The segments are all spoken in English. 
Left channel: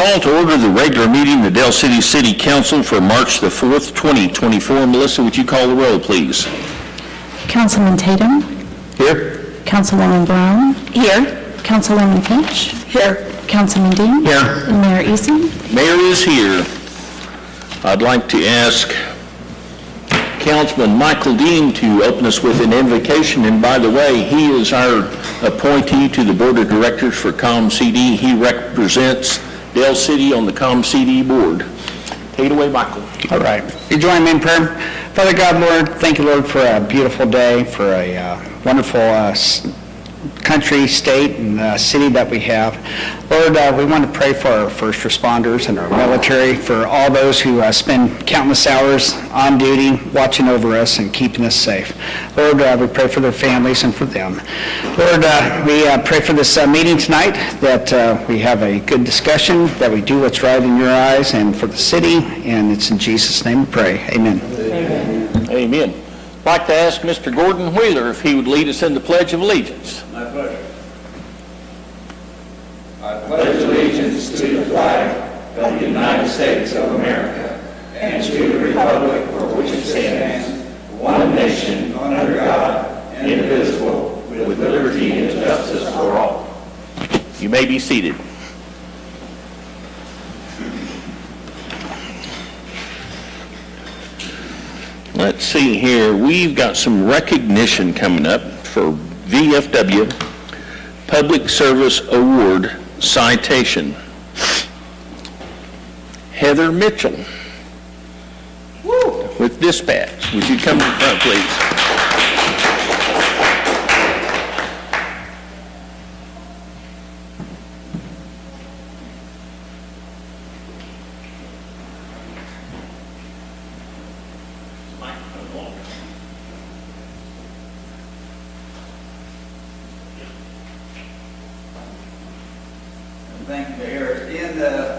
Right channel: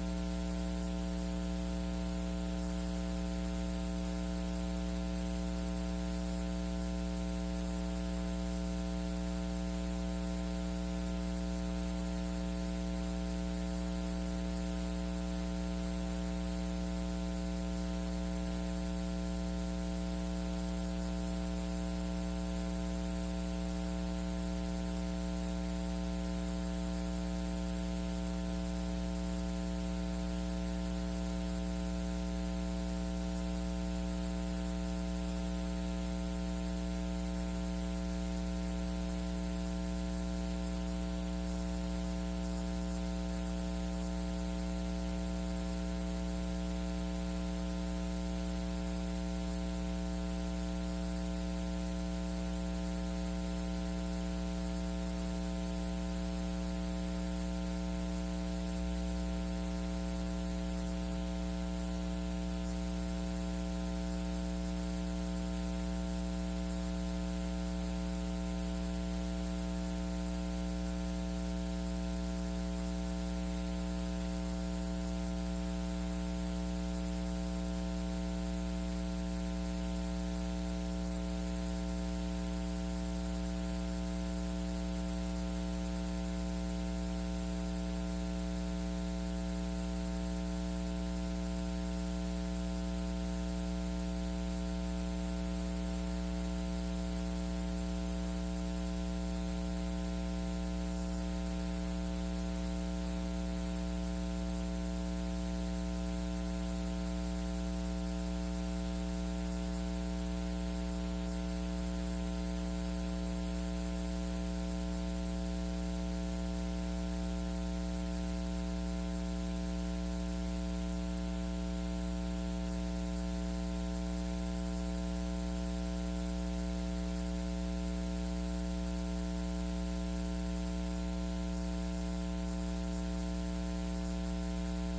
call to order the regular meeting of the Dale City City Council for March the 4th, 2024. Melissa, would you call the roll, please? Councilman Tatum. Here. Councilwoman Brown. Here. Councilwoman Finch. Here. Councilman Dean. Here. And Mayor Eason. Mayor is here. I'd like to ask Councilman Michael Dean to open us with an invocation. And by the way, he is our appointee to the Board of Directors for ComCD. He represents Dale City on the ComCD board. Take it away, Michael. All right. You join me in prayer. Father God, Lord, thank you, Lord, for a beautiful day, for a wonderful country, state, and city that we have. Lord, we want to pray for our first responders and our military, for all those who spend countless hours on duty, watching over us and keeping us safe. Lord, we pray for their families and for them. Lord, we pray for this meeting tonight, that we have a good discussion, that we do what's right in your eyes and for the city, and it's in Jesus' name we pray. Amen. Amen. Amen. I'd like to ask Mr. Gordon Wheeler if he would lead us in the Pledge of Allegiance. My pleasure. I pledge allegiance to the flag of the United States of America and to the republic for which it stands, one nation, under God, indivisible, with liberty and justice for all. You may be seated. Let's see here. We've got some recognition coming up for VFW Public Service Award citation. Heather Mitchell with Dispatch. Would you come to the front, please? Thank you, Mayor.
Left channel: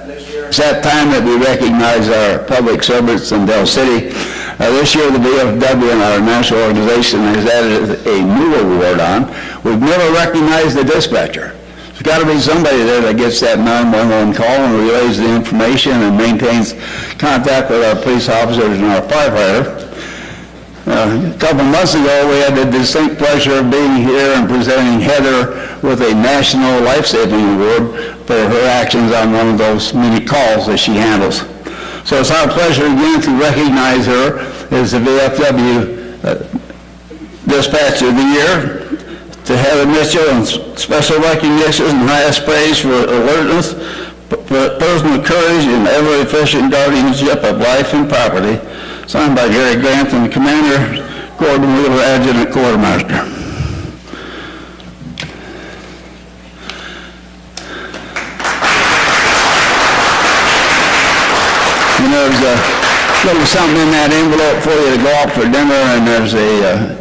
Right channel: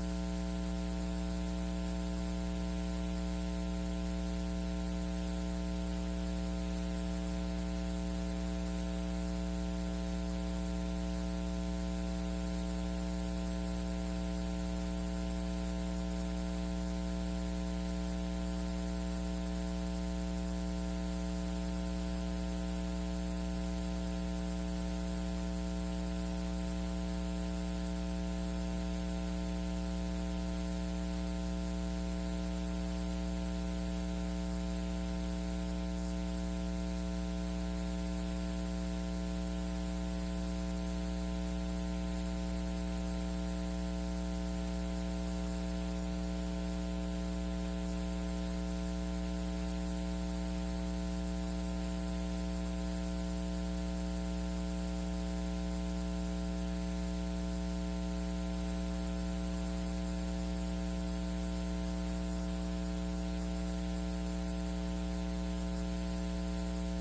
This year, it's that time that we recognize our public servants in Dale City. This year, the VFW and our national organization has added a new award on. We've never recognized the dispatcher. There's got to be somebody there that gets that 911 call and relays the information and maintains contact with our police officers and our firefighter. A couple months ago, we had the distinct pleasure of being here and presenting Heather with a National Life-Saving Award for her actions on one of those many calls that she handles. So it's our pleasure again to recognize her as the VFW Dispatcher of the Year. To Heather Mitchell, and special recognition and highest praise for alertness, personal courage, and ever-efficient guardianship of life and property. Signed by Gary Grant and Commander Gordon Wheeler, Adjutant Quartermaster. And there's a little something in that envelope for you to go out for dinner, and there's a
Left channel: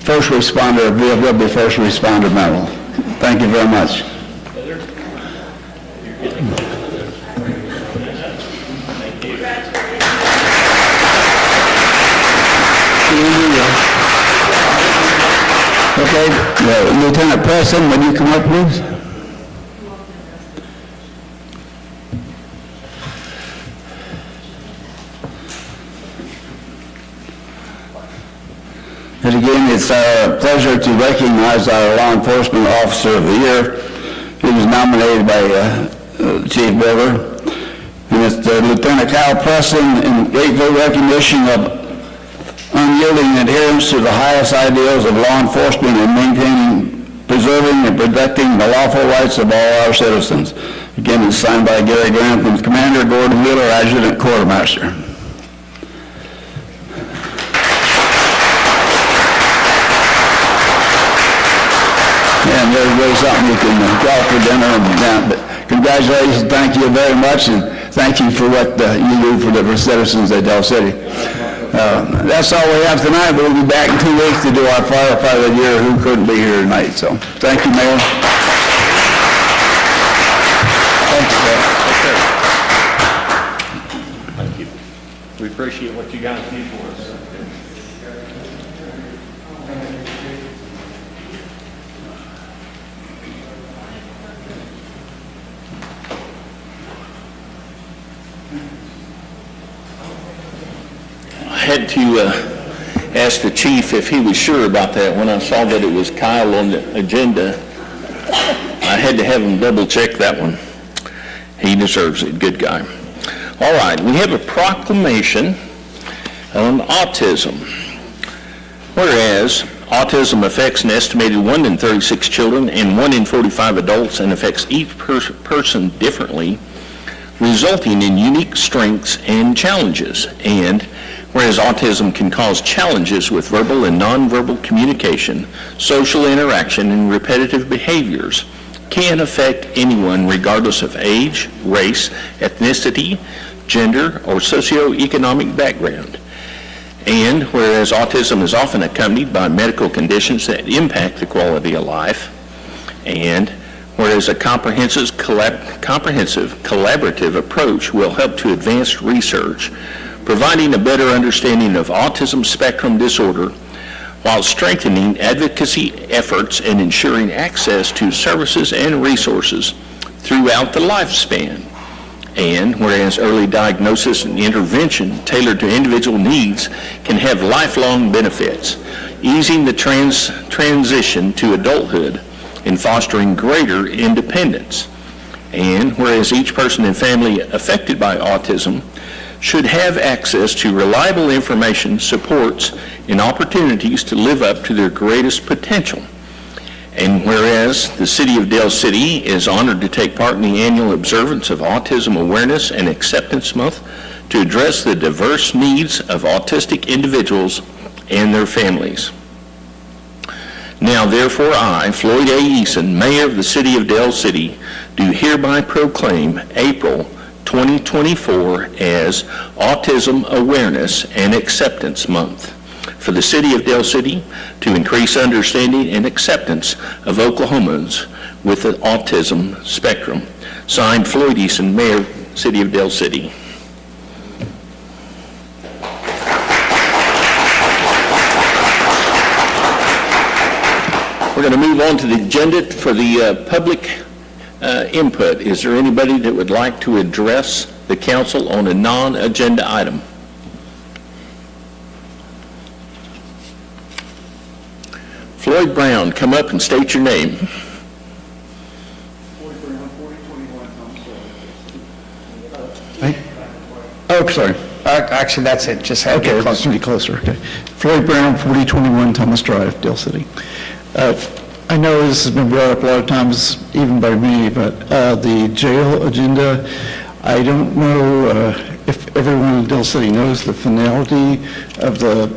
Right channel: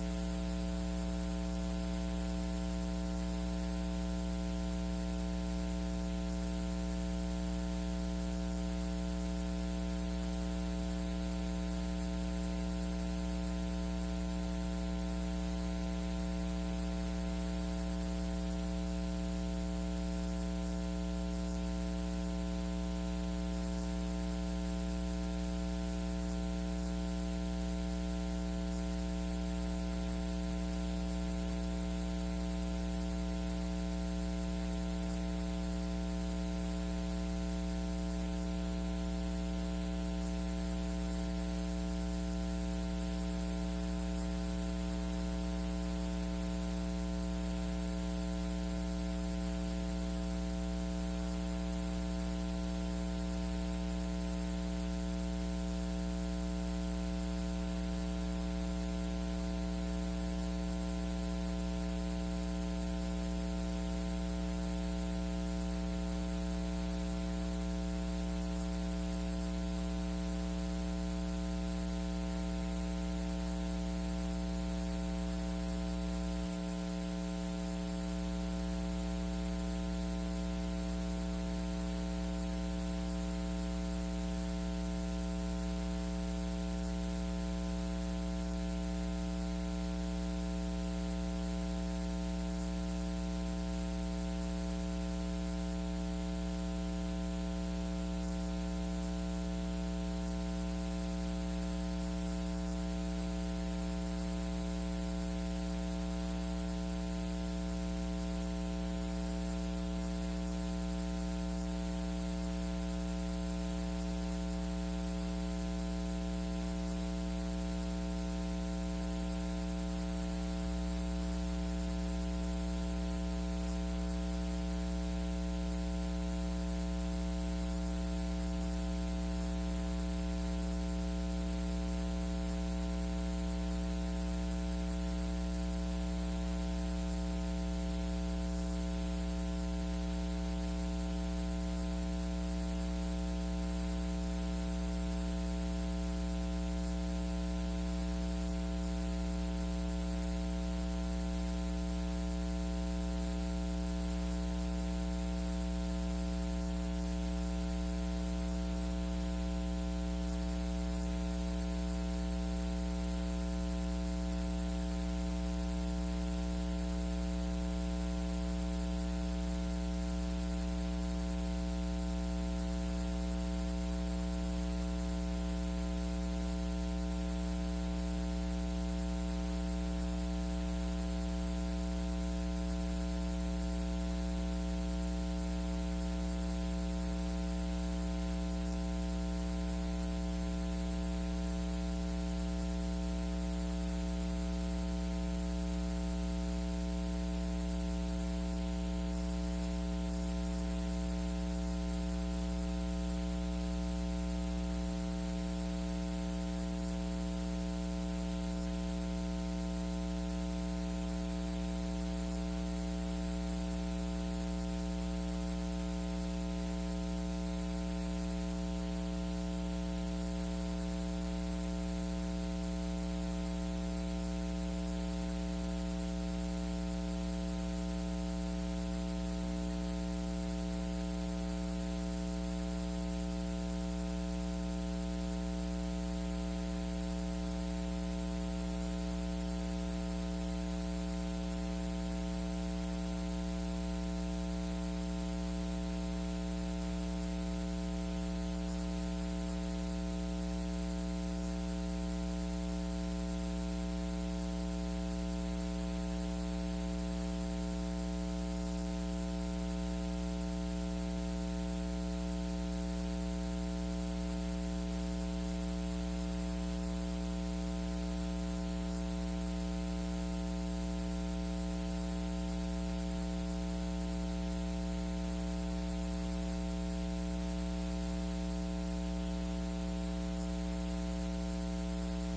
first responder, VFW first responder medal. Thank you very much. Okay, Lieutenant Preston, would you come up, please? And again, it's our pleasure to recognize our Law Enforcement Officer of the Year. He was nominated by Chief Boulder. And it's Lieutenant Kyle Preston in grateful recognition of unyielding adherence to the highest ideals of law enforcement and maintaining, preserving, and protecting the lawful rights of all our citizens. Again, it's signed by Gary Grant and Commander Gordon Wheeler, Adjutant Quartermaster. And there's something you can go out for dinner and down. But congratulations, thank you very much, and thank you for what you do for the citizens of Dale City. That's all we have tonight. We'll be back in 2 weeks to do our firefighter of the year who couldn't be here tonight. So thank you, Mayor. Thank you, sir. Thank you. We appreciate what you guys do for us. had to ask the chief if he was sure about that. When I saw that it was Kyle on the agenda, I had to have him double check that one. He deserves it, good guy. All right, we have a proclamation on autism. Whereas autism affects an estimated 1 in 36 children and 1 in 45 adults and affects each person differently, resulting in unique strengths and challenges. And whereas autism can cause challenges with verbal and nonverbal communication, social interaction, and repetitive behaviors, can affect anyone regardless of age, race, ethnicity, gender, or socioeconomic background. And whereas autism is often accompanied by medical conditions that impact the quality of life, and whereas a comprehensive collaborative approach will help to advance research, providing a better understanding of autism spectrum disorder while strengthening advocacy efforts and ensuring access to services and resources throughout the lifespan. And whereas early diagnosis and intervention tailored to individual needs can have lifelong benefits, easing the transition to adulthood and fostering greater independence. And whereas each person and family affected by autism should have access to reliable information, supports, and opportunities to live up to their greatest potential. And whereas the City of Dale City is honored to take part in the annual observance of Autism Awareness and Acceptance Month to address the diverse needs of autistic individuals and their families. Now therefore I, Floyd A. Eason, Mayor of the City of Dale City, do hereby proclaim April 2024 as Autism Awareness and Acceptance Month for the City of Dale City to increase understanding and acceptance of Oklahomans with the autism spectrum. Signed, Floyd Eason, Mayor, City of Dale City. We're going to move on to the agenda for the public input. Is there anybody that would like to address the council on a non-agenda item? Floyd Brown, come up and state your name. Oh, sorry. Actually, that's it, just have to Okay, get let's closer. be closer, okay. Floyd Brown, 4021 Thomas Drive, Dale City. I know this has been brought up a lot of times, even by me, but the jail agenda, I don't know if everyone in Dale City knows the finality of the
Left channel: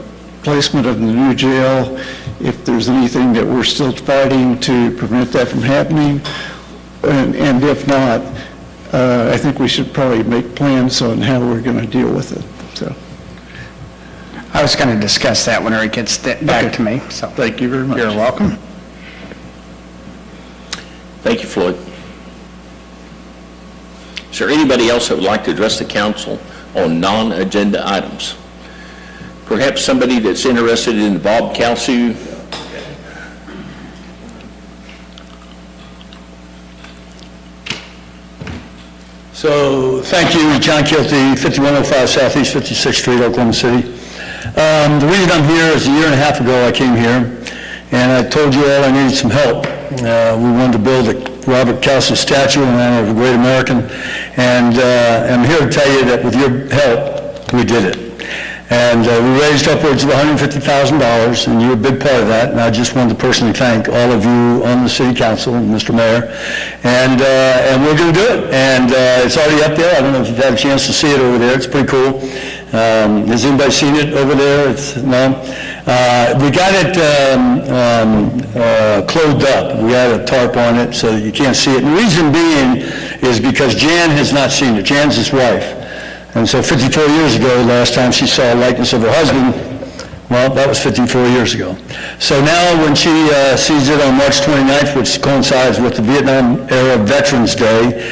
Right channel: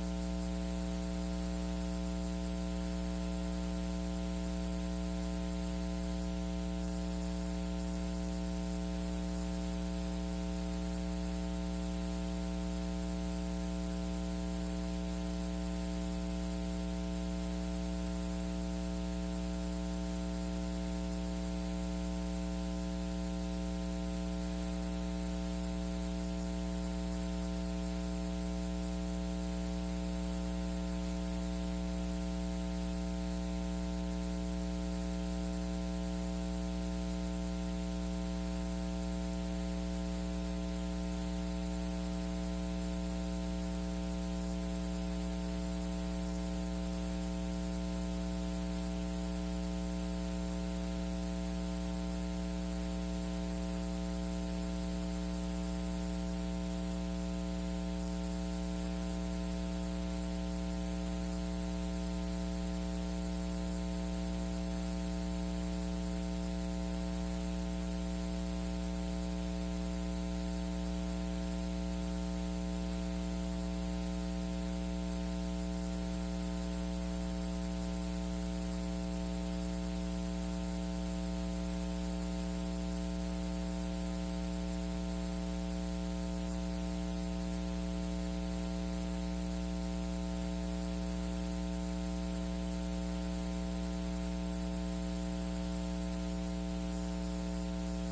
placement of the new jail, if there's anything that we're still fighting to prevent that from happening, and if not, I think we should probably make plans on how we're going to deal with it, so. I was going to discuss that whenever it gets back to me, so. Thank you very much. You're welcome. Thank you, Floyd. Is there anybody else that would like to address the council on non-agenda items? Perhaps somebody that's interested in the Bob Kalsu. So, thank you, John Kilty, 5105 Southeast 56th Street, Oklahoma City. The reason I'm here is a year and a half ago I came here, and I told you all I needed some help. We wanted to build a Robert Kalsu statue in honor of a great American, and I'm here to tell you that with your help, we did it. And we raised upwards of $150,000, and you're a big part of that, and I just wanted to personally thank all of you on the city council, Mr. Mayor, and we're going to do it. And it's already up there. I don't know if you've had a chance to see it over there. It's pretty cool. Has anybody seen it over there? No? We got it clothed up. We had a tarp on it so that you can't see it. And the reason being is because Jan has not seen it. Jan's his wife. And so 54 years ago, last time she saw a likeness of her husband, well, that was 54 years ago. So now when she sees it on March 29th, which coincides with the Vietnam era Veterans Day,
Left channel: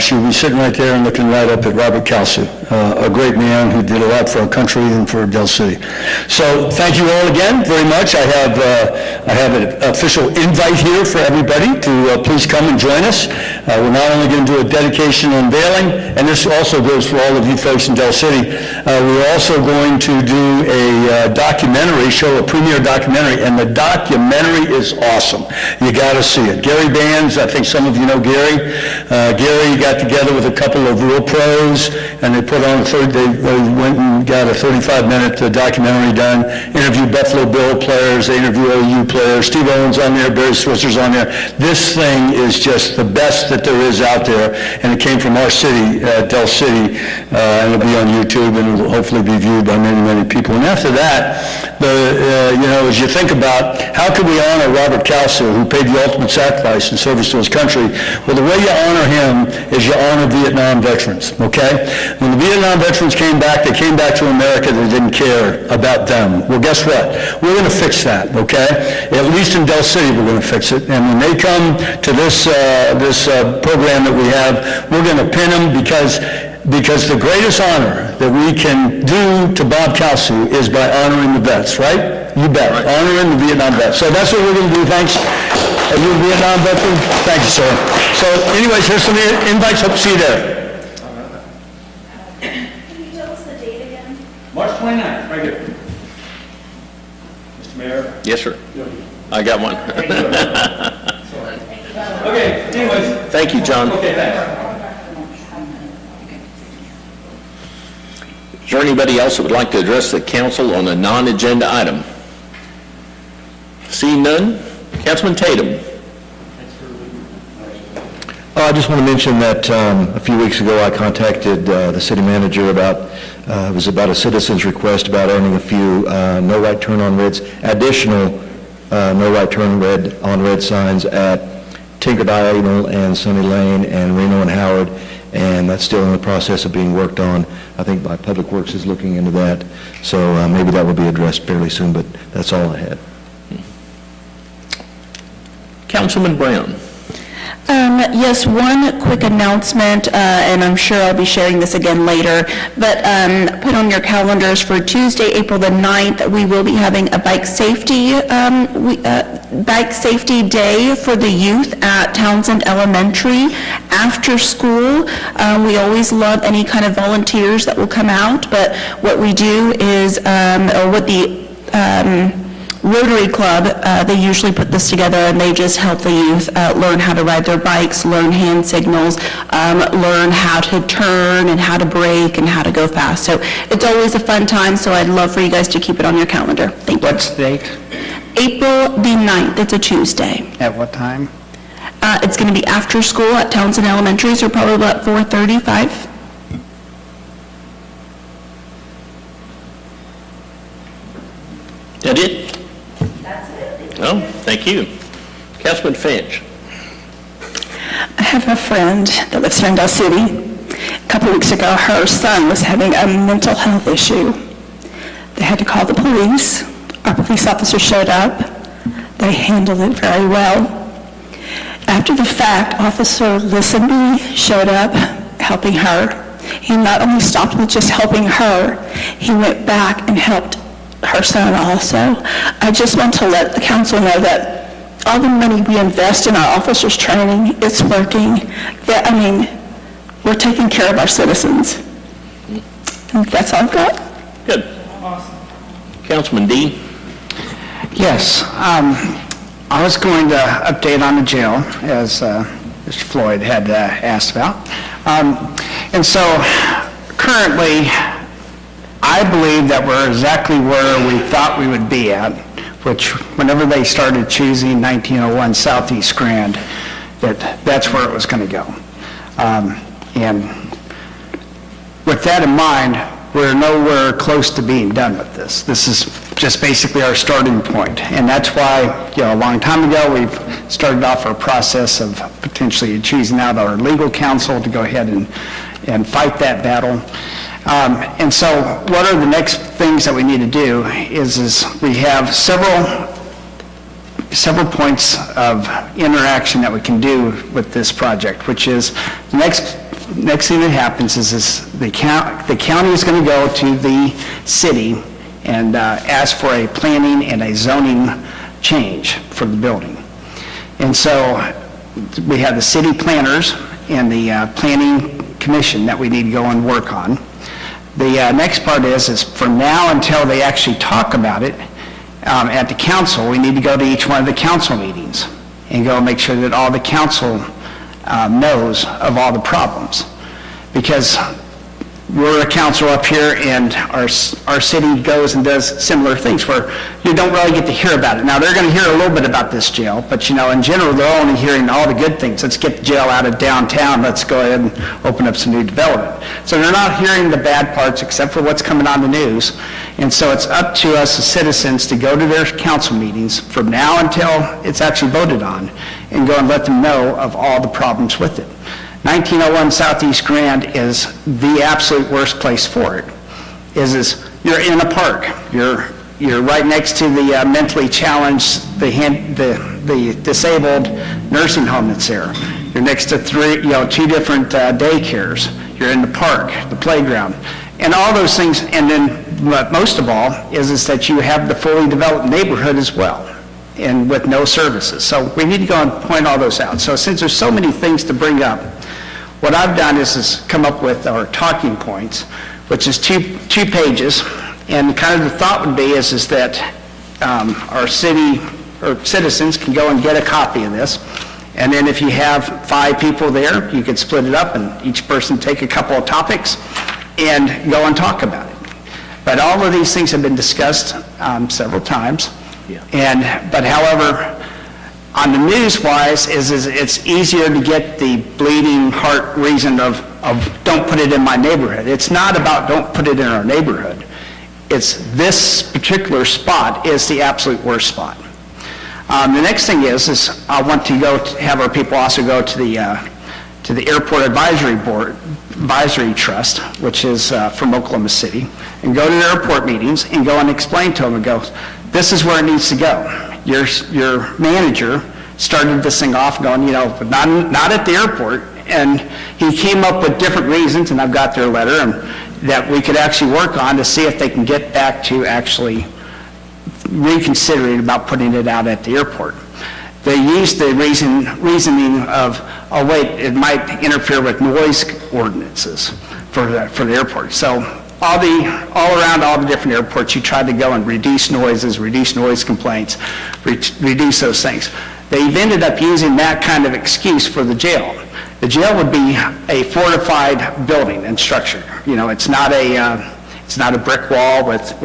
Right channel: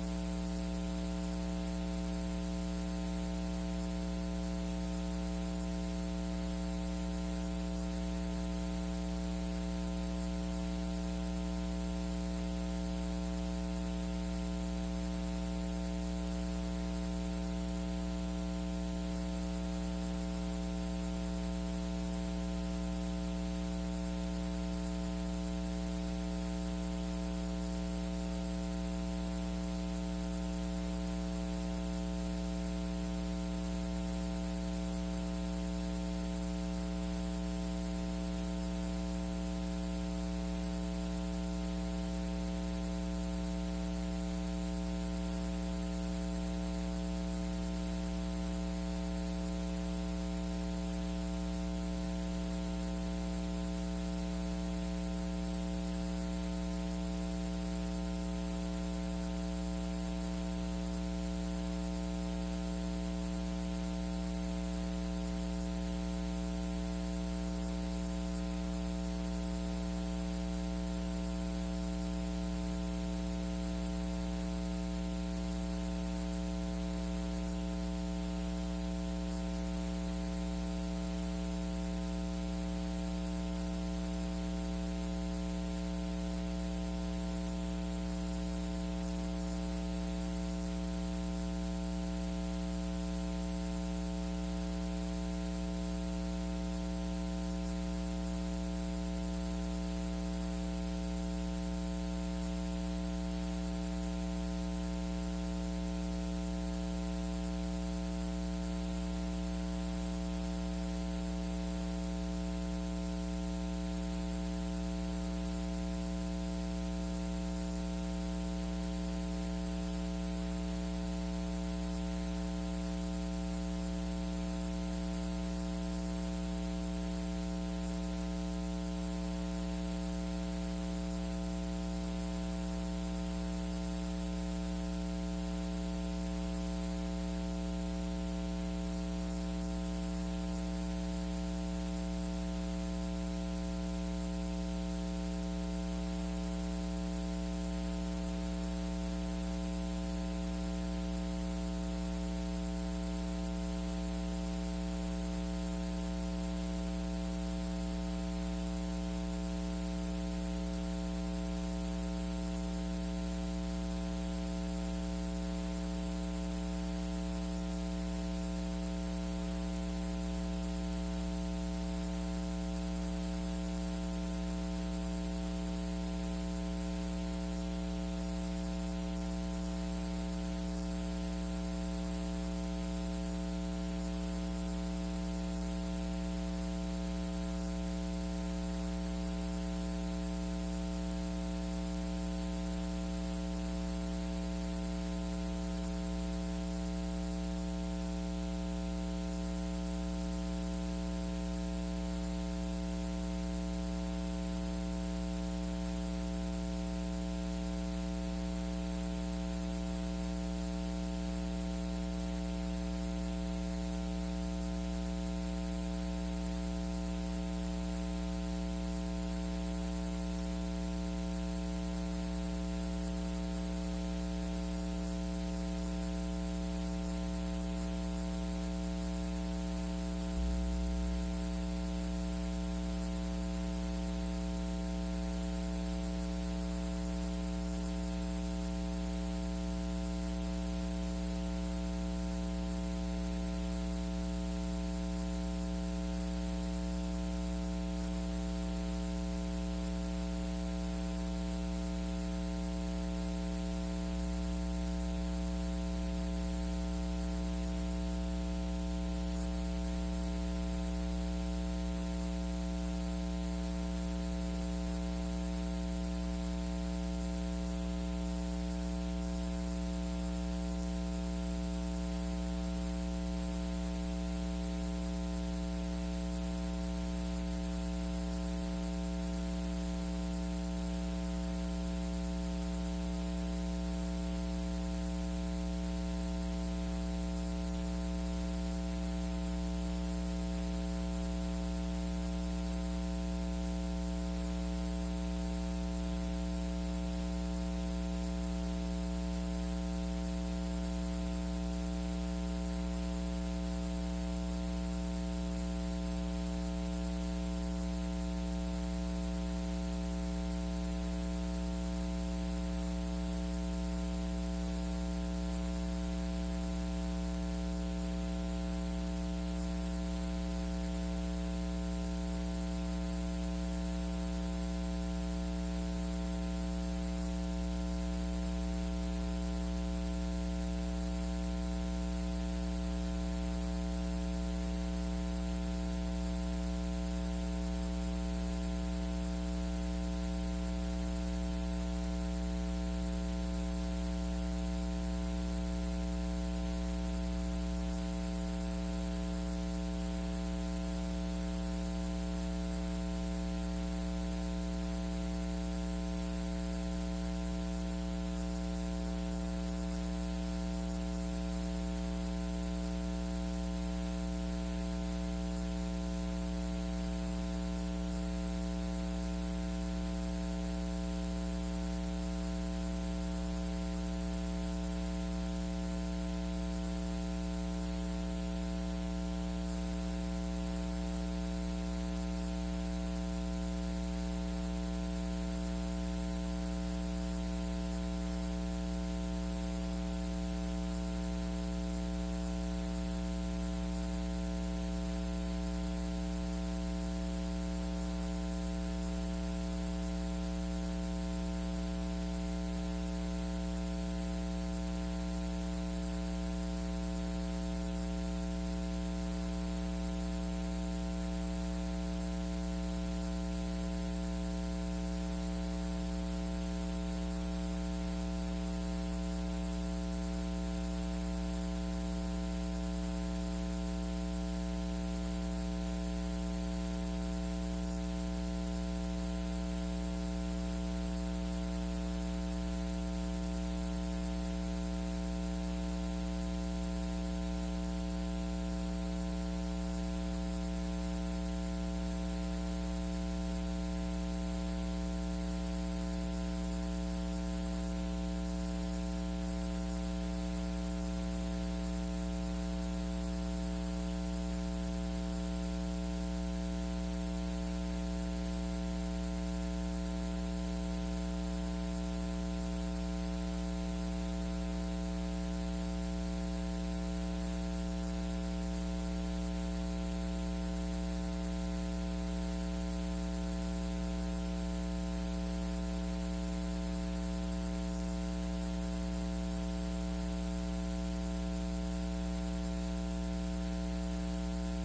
She will be sitting right there and looking right up at Robert Kalsu, a great man who did a lot for our country and for Del City. So thank you all again very much. I have an official invite here for everybody to please come and join us. We're not only going to do a dedication unveiling, and this also goes for all of you folks in Del City, we're also going to do a documentary, show a premiere documentary, and the documentary is awesome. You got to see it. Gary Bands, I think some of you know Gary. Gary got together with a couple of real pros, and they put on they went and got a 35-minute documentary done, interviewed Buffalo Bill players, they interviewed OU players, Steve Owens on there, Barry Switzer's on there. This thing is just the best that there is out there, and it came from our city, Del City, and it'll be on YouTube, and it'll hopefully be viewed by many, many people. And after that, as you think about how can we honor Robert Kalsu, who paid the ultimate sacrifice in service to his country, well, the way you honor him is you honor Vietnam veterans, okay? When the Vietnam veterans came back, they came back to America, they didn't care about them. Well, guess what? We're going to fix that, okay? At least in Del City, we're going to fix it. And when they come to this program that we have, we're going to pin them because the greatest honor that we can do to Bob Kalsu is by honoring the vets, right? You bet, honoring the Vietnam vets. So that's what we're going to do. Thanks. Are you a Vietnam veteran? Thank you, sir. So anyways, here's some invites. Hope to see you there. Can you tell us the date again? March 29th, right here. Mr. Mayor. Yes, sir. I got one. Okay, anyways. Thank you, John. Okay, thanks. Is there anybody else that would like to address the council on a non-agenda item? Seeing none, Councilman Tatum. I just want to mention that a few weeks ago I contacted the city manager about, it was about a citizen's request about owning a few no right turn on reds, additional no right turn on red signs at Tinker Diagonal and Sunny Lane and Reno and Howard, and that's still in the process of being worked on. I think by Public Works is looking into that, so maybe that will be addressed fairly soon, but that's all I had. Councilman Brown. Yes, one quick announcement, and I'm sure I'll be sharing this again later, but put on your calendars for Tuesday, April the 9th, we will be having a bike safety day for the youth at Townsend Elementary after school. We always love any kind of volunteers that will come out, but what we do is, or what the Rotary Club, they usually put this together and they just help the youth learn how to ride their bikes, learn hand signals, learn how to turn and how to brake and how to go fast. So it's always a fun time, so I'd love for you guys to keep it on your calendar. Thank you. What's the date? April the 9th, it's a Tuesday. At what time? It's going to be after school at Townsend Elementary, so probably about 4:35. That it? Oh, thank you. Councilman Finch. I have a friend that lives here in Del City. A couple weeks ago, her son was having a mental health issue. They had to call the police. Our police officer showed up. They handled it very well. After the fact, Officer Listenby showed up, helping her. He not only stopped with just helping her, he went back and helped her son also. I just want to let the council know that all the money we invest in our officers' training, it's working. We're taking care of our citizens. And that's all I've got. Good. Councilman Dean. Yes, I was going to update on the jail, as Mr. Floyd had asked about. And so currently, I believe that we're exactly where we thought we would be at, which whenever they started choosing 1901 Southeast Grand, that's where it was going to go. And with that in mind, we're nowhere close to being done with this. This is just basically our starting point. And that's why, a long time ago, we've started off our process of potentially choosing out our legal counsel to go ahead and fight that battle. And so what are the next things that we need to do is we have several several points of interaction that we can do with this project, which is, the next thing that happens is the county is going to go to the city and ask for a planning and a zoning change for the building. And so we have the city planners and the planning commission that we need to go and work on. The next part is from now until they actually talk about it at the council, we need to go to each one of the council meetings and go make sure that all the council knows of all the problems. Because we're a council up here, and our city goes and does similar things where you don't really get to hear about it. Now, they're going to hear a little bit about this jail, but in general, they're only hearing all the good things. Let's get the jail out of downtown, let's go ahead and open up some new development. So they're not hearing the bad parts except for what's coming on the news. And so it's up to us as citizens to go to their council meetings from now until it's actually voted on and go and let them know of all the problems with it. 1901 Southeast Grand is the absolute worst place for it. Is you're in a park. You're right next to the mentally challenged, the disabled nursing home that's there. You're next to two different daycares. You're in the park, the playground, and all those things. And then, but most of all, is that you have the fully developed neighborhood as well, and with no services. So we need to go and point all those out. So since there's so many things to bring up, what I've done is come up with our talking points, which is two pages, and kind of the thought would be is that our city or citizens can go and get a copy of this, and then if you have 5 people there, you could split it up and each person take a couple of topics and go and talk about it. But all of these things have been discussed several times, but however, on the news-wise, is it's easier to get the bleeding heart reason of don't put it in my neighborhood. It's not about don't put it in our neighborhood. It's this particular spot is the absolute worst spot. The next thing is I want to have our people also go to the Airport Advisory Trust, which is from Oklahoma City, and go to the airport meetings and go and explain to them and go, this is where it needs to go. Your manager started this thing off going, not at the airport, and he came up with different reasons, and I've got their letter, and that we could actually work on to see if they can get back to actually reconsidering about putting it out at the airport. They used the reasoning of, oh wait, it might interfere with noise ordinances for the airport. So all around all the different airports, you try to go and reduce noises, reduce noise complaints, reduce those things. They've ended up using that kind of excuse for the jail. The jail would be a fortified building and structure. It's not a brick wall with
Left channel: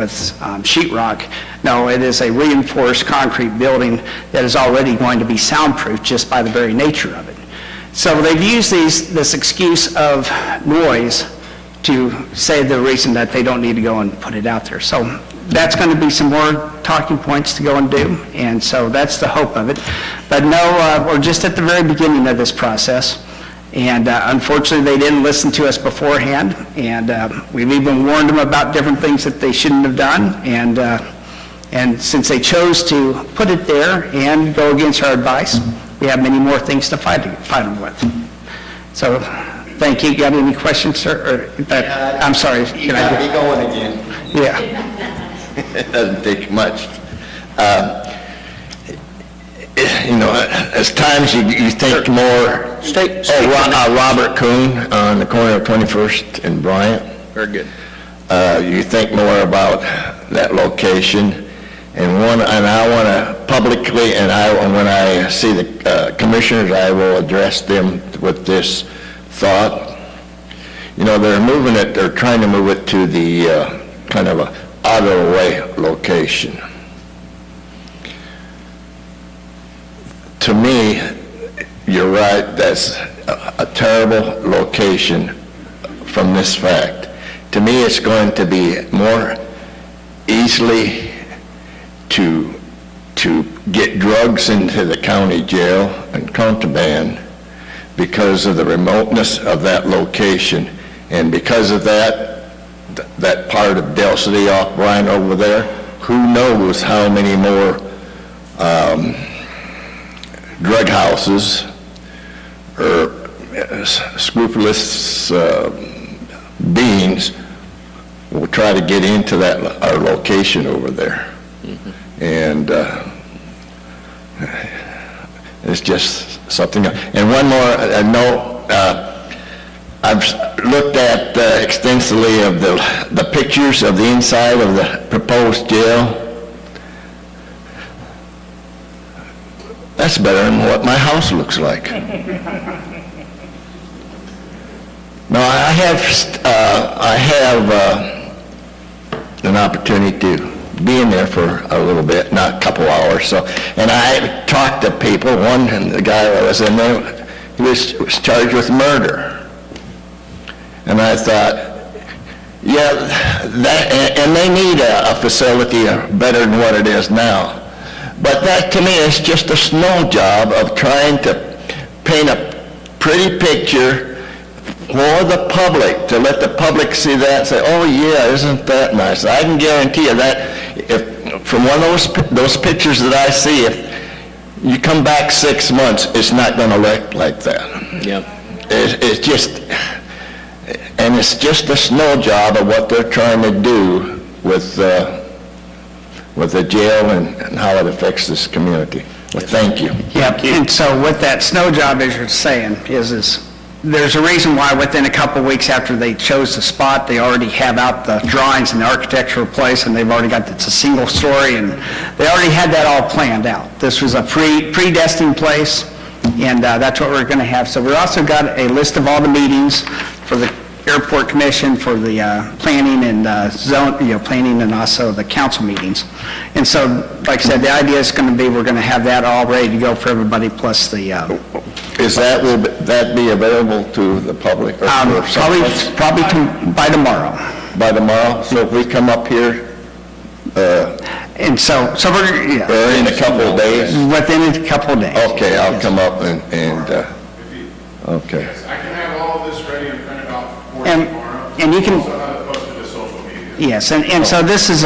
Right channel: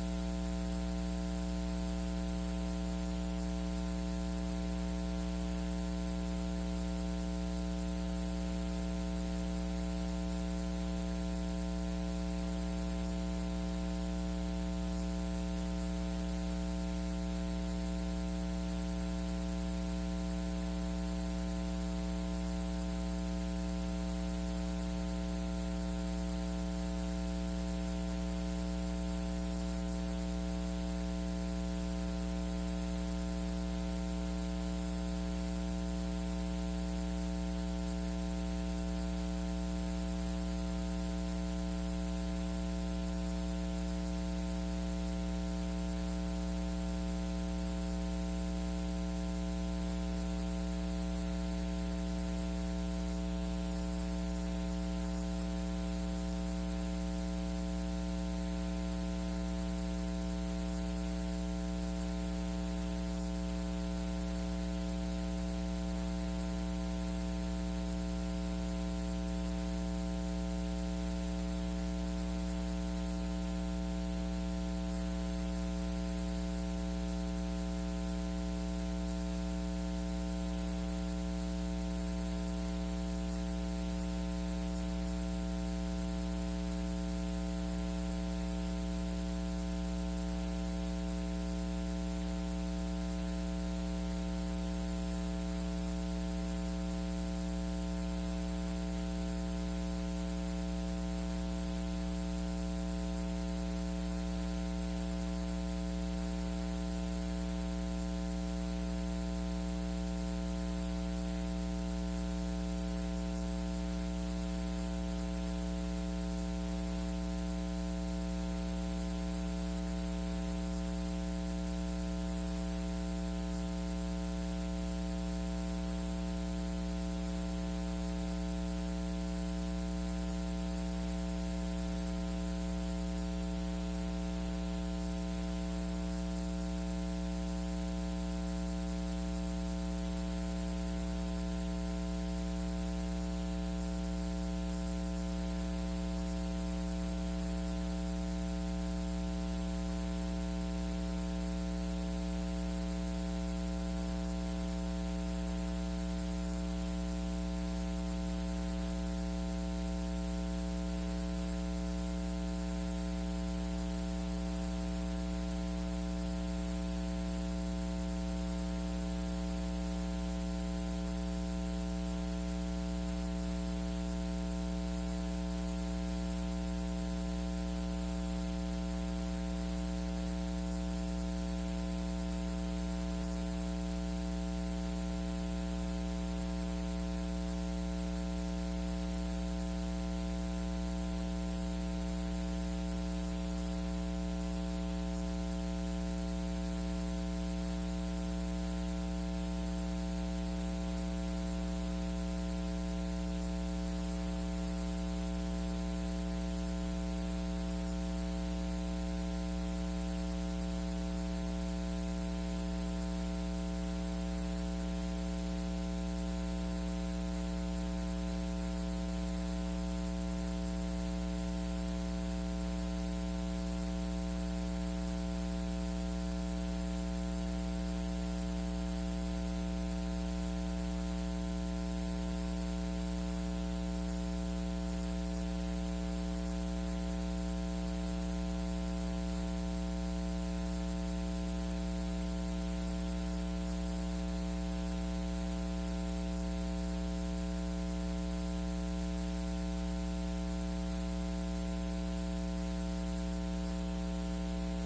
sheetrock. No, it is a reinforced concrete building that is already going to be soundproof just by the very nature of it. So they've used this excuse of noise to say the reason that they don't need to go and put it out there. So that's going to be some more talking points to go and do, and so that's the hope of it. But no, we're just at the very beginning of this process, and unfortunately they didn't listen to us beforehand, and we've even warned them about different things that they shouldn't have done, and since they chose to put it there and go against our advice, we have many more things to fight them with. So, thank you. Got any questions, sir? I'm sorry. You got me going again. Yeah. It doesn't take much. As times you think more. Robert Kuhn on the corner of 21st and Bryant. Very good. You think more about that location, and I want to publicly, and when I see the commissioners, I will address them with this thought. They're trying to move it to the kind of a out-of-the-way location. To me, you're right, that's a terrible location from this fact. To me, it's going to be more easily to get drugs into the county jail and contraband because of the remoteness of that location. And because of that part of Del City off Bryant over there, who knows how many more drug houses or scrupulous beings will try to get into our location over there. And it's just something. And one more note, I've looked at extensively of the pictures of the inside of the proposed jail. That's better than what my house looks like. No, I have an opportunity to be in there for a little bit, not a couple hours. So, and I talked to people. One, the guy that was in there, he was charged with murder. And I thought, yeah, and they need a facility better than what it is now. But that, to me, is just a snow job of trying to paint a pretty picture for the public, to let the public see that and say, oh, yeah, isn't that nice? I can guarantee you that if from one of those pictures that I see, if you come back 6 months, it's not going to look like that. Yeah. It's just, and it's just a snow job of what they're trying to do with the jail and how it affects this community. Well, thank you. Yep, and so what that snow job, as you're saying, is there's a reason why within a couple of weeks after they chose the spot, they already have out the drawings and the architectural place, and they've already got, it's a single story, and they already had that all planned out. This was a predestined place, and that's what we're going to have. So we also got a list of all the meetings for the airport commission, for the planning and planning, and also the council meetings. And so, like I said, the idea is going to be, we're going to have that all ready to go for everybody, plus the Is will that be available to the public? Or for someplace? probably by tomorrow. By tomorrow? So if we come up here, And so we're, yeah, or in a couple of days? within a couple of days. Okay, I'll come up and okay. I can have all of this ready and printed out for And- tomorrow. and you can- Also have it posted to social media. Yes, and so this is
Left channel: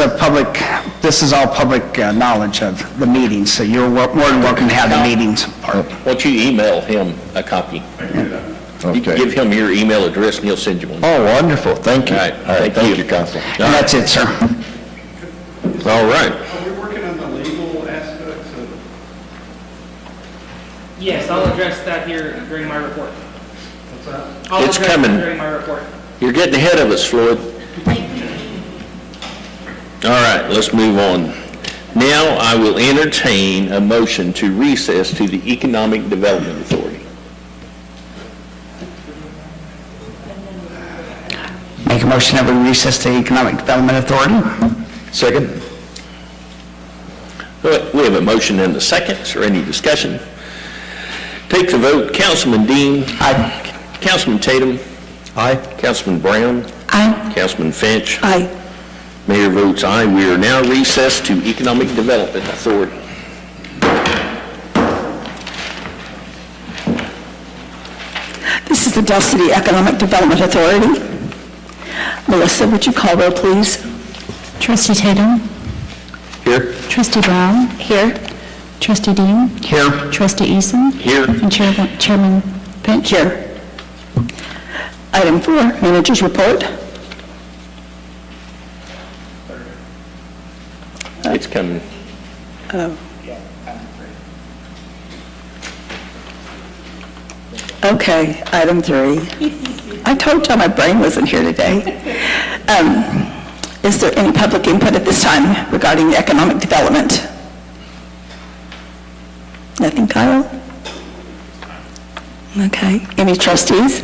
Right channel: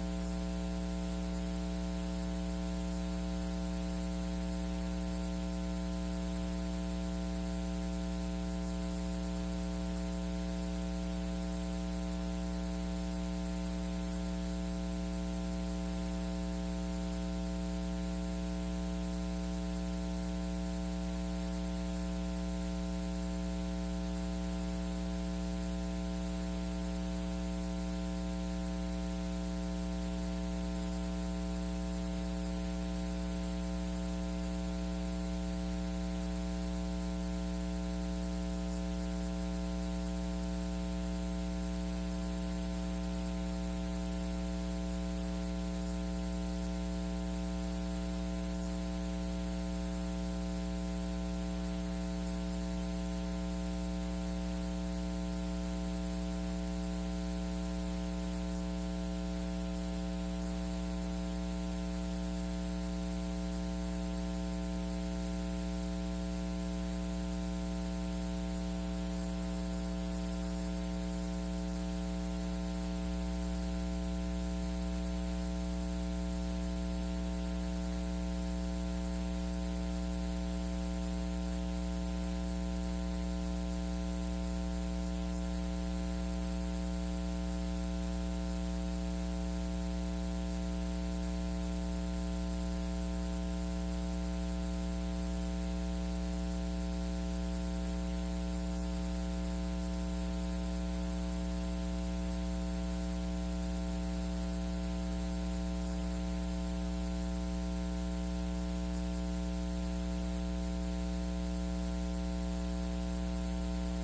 all public knowledge of the meetings, so you're more than welcome to have the meetings part. Why don't you email him a copy? You can give him your email address and he'll send you one. Oh, wonderful, thank you. All right, Thank thank you, you. Council. And that's it, sir. All right. Are we working on the legal aspects of? Yes, I'll address that here during my report. I'll It's address coming. that during my report. You're getting ahead of us, Floyd. All right, let's move on. Now I will entertain a motion to recess to the Economic Development Authority. Make a motion that we recess the Economic Development Authority. Second. We have a motion and a second. Is there any discussion? Take the vote. Councilman Dean. Aye. Councilman Tatum. Aye. Councilman Brown. Aye. Councilman Finch. Aye. Mayor votes aye. We are now recessed to Economic Development Authority. This is the Del City Economic Development Authority. Melissa, would you call roll, please? Trustee Tatum? Here. Trustee Brown? Here. Trustee Dean? Here. Trustee Eason? Here. And Chairman Finch? Here. Item 4, Manager's Report. It's coming. Okay, item 3. I told you my brain wasn't here today. Is there any public input at this time regarding economic development? Nothing, Kyle? Okay, any trustees?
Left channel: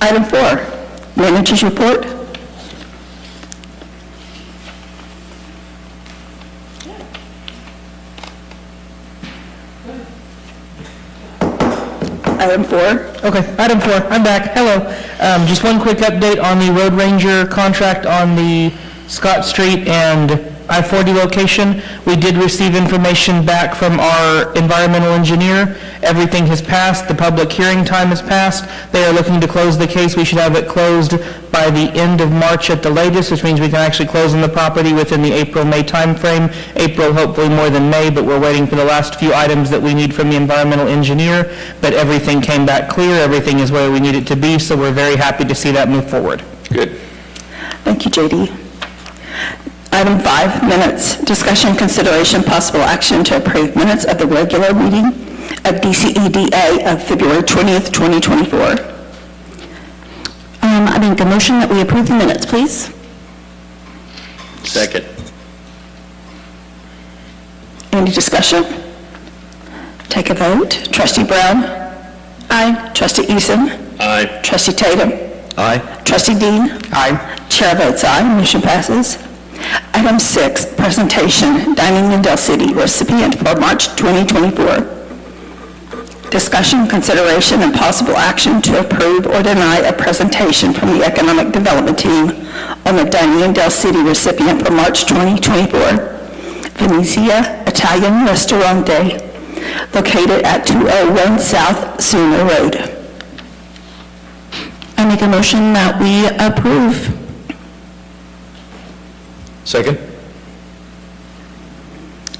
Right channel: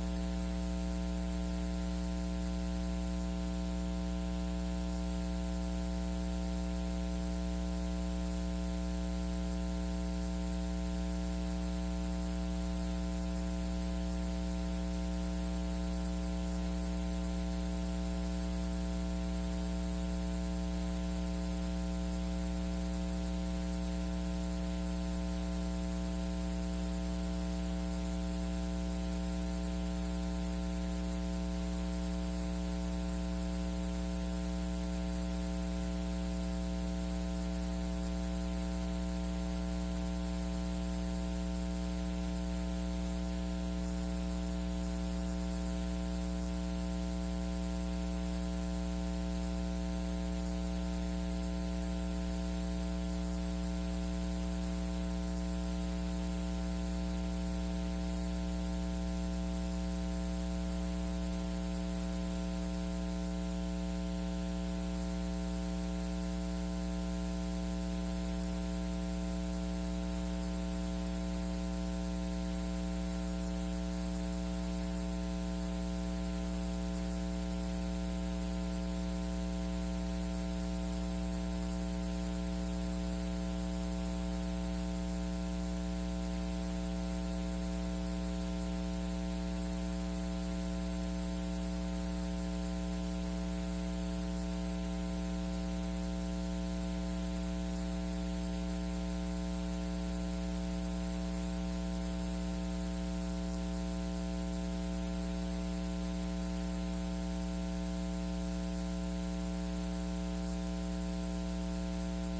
Item 4, Manager's Report. Item 4. Okay, item 4, I'm back. Hello. Just one quick update on the Road Ranger contract on the Scott Street and I-40 location. We did receive information back from our environmental engineer, Everything has passed, the public hearing time has passed. They are looking to close the case. We should have it closed by the end of March at the latest, which means we can actually close on the property within the April-May timeframe. April hopefully more than May, but we're waiting for the last few items that we need from the environmental engineer. But everything came back clear, everything is where we need it to be, so we're very happy to see that move forward. Good. Thank you, J.D. Item 5, minutes. Discussion, consideration, possible action to approve minutes of the regular meeting of DCEDA of February 20th, 2024. I make a motion that we approve the minutes, please. Second. Any discussion? Take a vote. Trustee Brown? Aye. Trustee Eason? Aye. Trustee Tatum? Aye. Trustee Dean? Aye. Chair votes aye, motion passes. Item 6, presentation, Dining in Del City, recipient for March 2024. Discussion, consideration, and possible action to approve or deny a presentation from the Economic Development Team on the Dining in Del City recipient for March 2024, Venezia Italian Ristorante, located at 201 South Sooner Road. I make a motion that we approve. Second?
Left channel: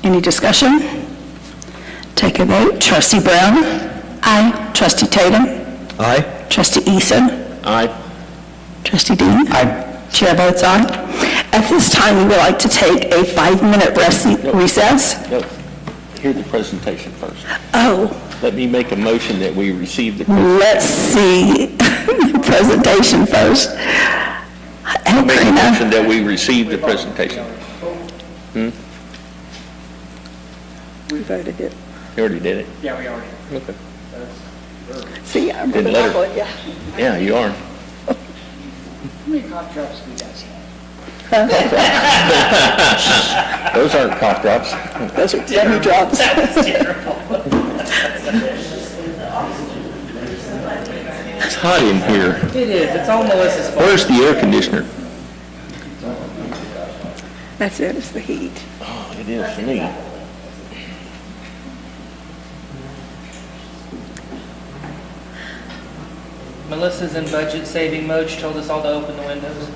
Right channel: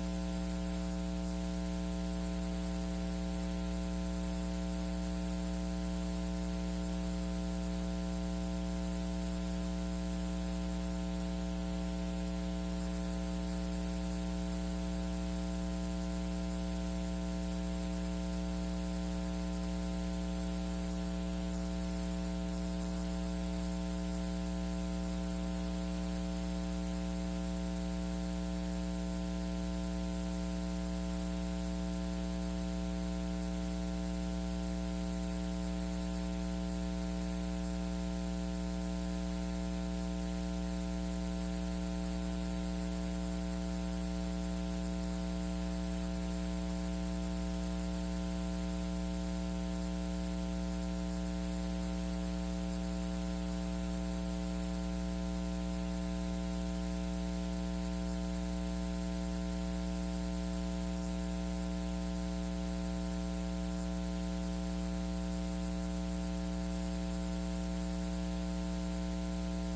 Any discussion? Take a vote. Trustee Brown? Aye. Trustee Tatum? Aye. Trustee Eason? Aye. Trustee Dean? Aye. Chair votes aye. At this time, we would like to take a 5-minute recess. No, hear the presentation first. Oh, Let me make a motion that we receive the, let's see the presentation first. Hey, make a Karina. motion that we receive the presentation. We voted it. You already did it? Yeah, we are. Okay. See, I'm Didn't really let her- not, yeah. Yeah, you are. How many cough drops do you guys have? Those aren't cough drops. Those are dummy drops. It's hot in here. It is, it's all Melissa's fault. Where's the air conditioner? That's it, it's the heat. Oh, it is for me. Melissa's in budget saving mode. She told us all to open the windows.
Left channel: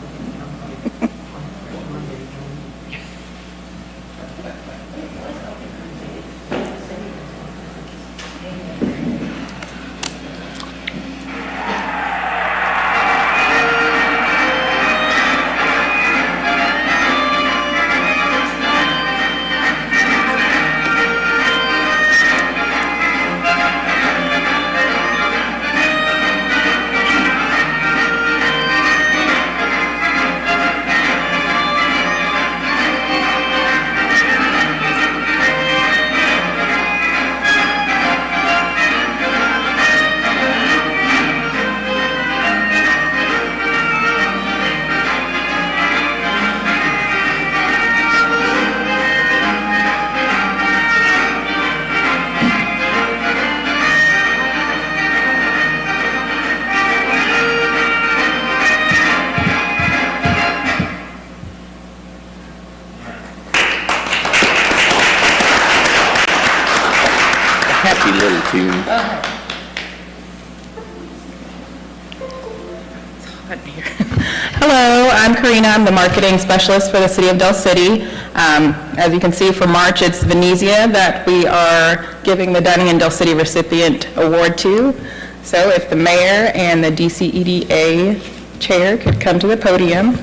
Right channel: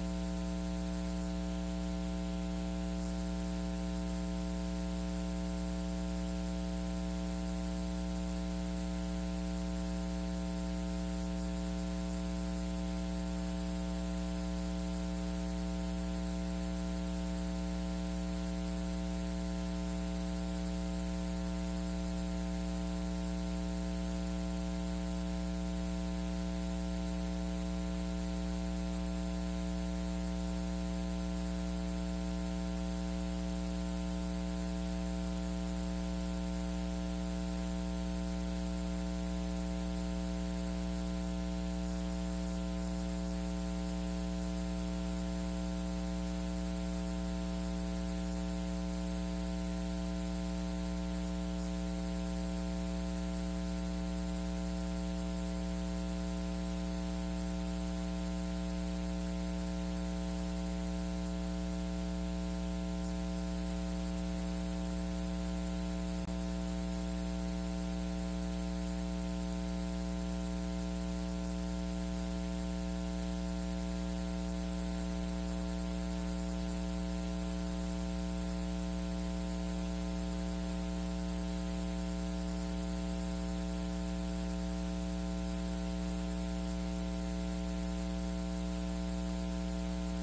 Happy little tune. Hello, I'm Karina. I'm the marketing specialist for the City of Del City. As you can see, for March, it's Venezia that we are giving the Dining in Del City recipient award to. So if the mayor and the DCEDA chair could come to the podium.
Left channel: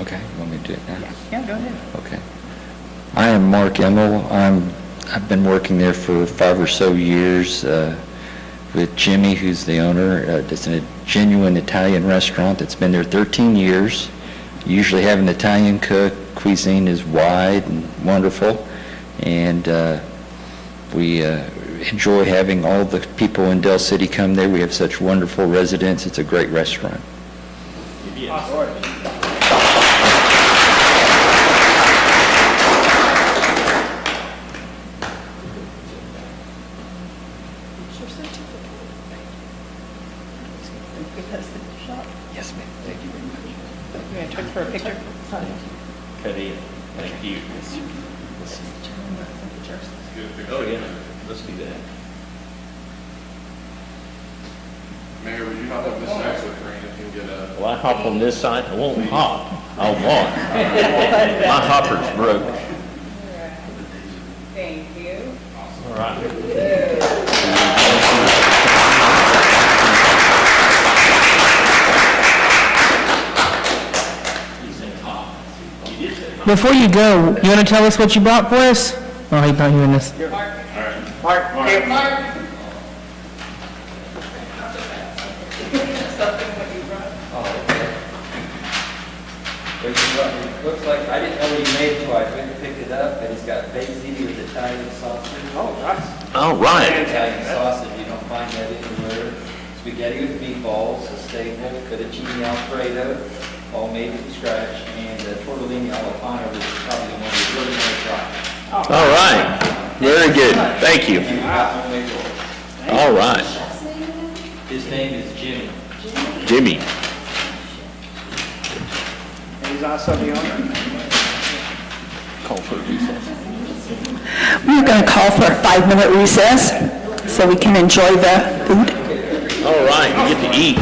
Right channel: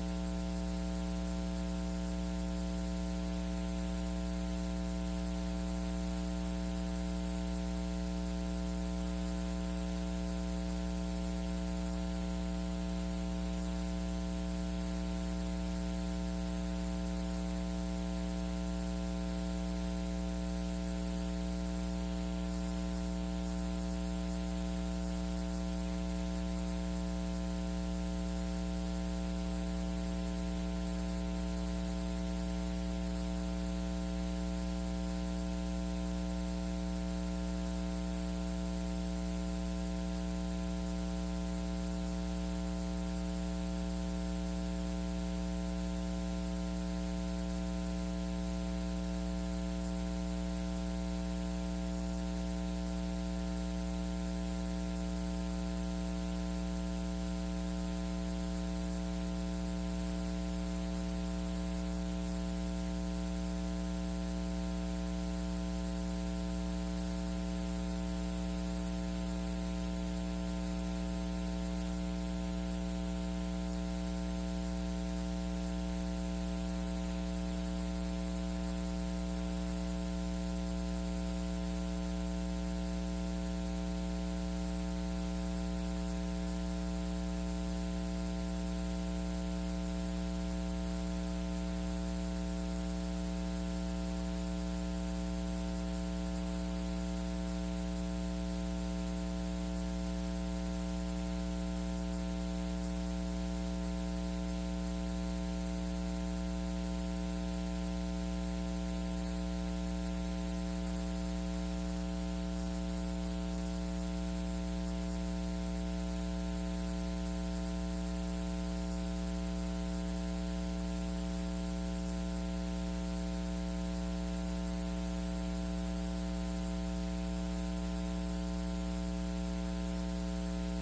Okay, want me to do it now? Yeah, go ahead. Okay. I am Mark Emmel. I've been working there for 5 or so years with Jimmy, who's the owner. It's a genuine Italian restaurant that's been there 13 years. Usually have an Italian cook. Cuisine is wide and wonderful. And we enjoy having all the people in Del City come there. We have such wonderful residents. It's a great restaurant. For a picture? Thank you. Oh, yeah, let's do that. Mayor, would you hop on this side so Frank can get a... Well, I hop on this side, I won't hop, I'll walk. My hopper's broke. Thank you. All right. Before you go, you want to tell us what you brought for us? Oh, he's not hearing this. Looks like, I didn't know what he made, so I went and picked it up, and he's got baked ziti with Italian sausage. Oh, nice. All right. Italian sausage, you don't find that anywhere. Spaghetti with meatballs, a staple, fettuccine alfredo, all made from scratch, and tortellini alla panna, which is probably the one we really want to try. All right, very good, thank you. And we got homemade rolls. All right, His name is Jimmy. Jimmy. He's also the owner. Call for a recess. We're going to call for a 5-minute recess so we can enjoy the food. All right, you get to eat.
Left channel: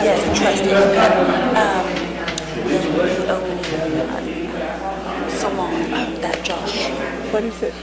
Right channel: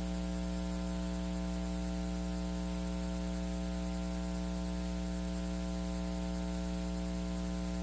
Yes, trust me. So long, that Josh. What is it?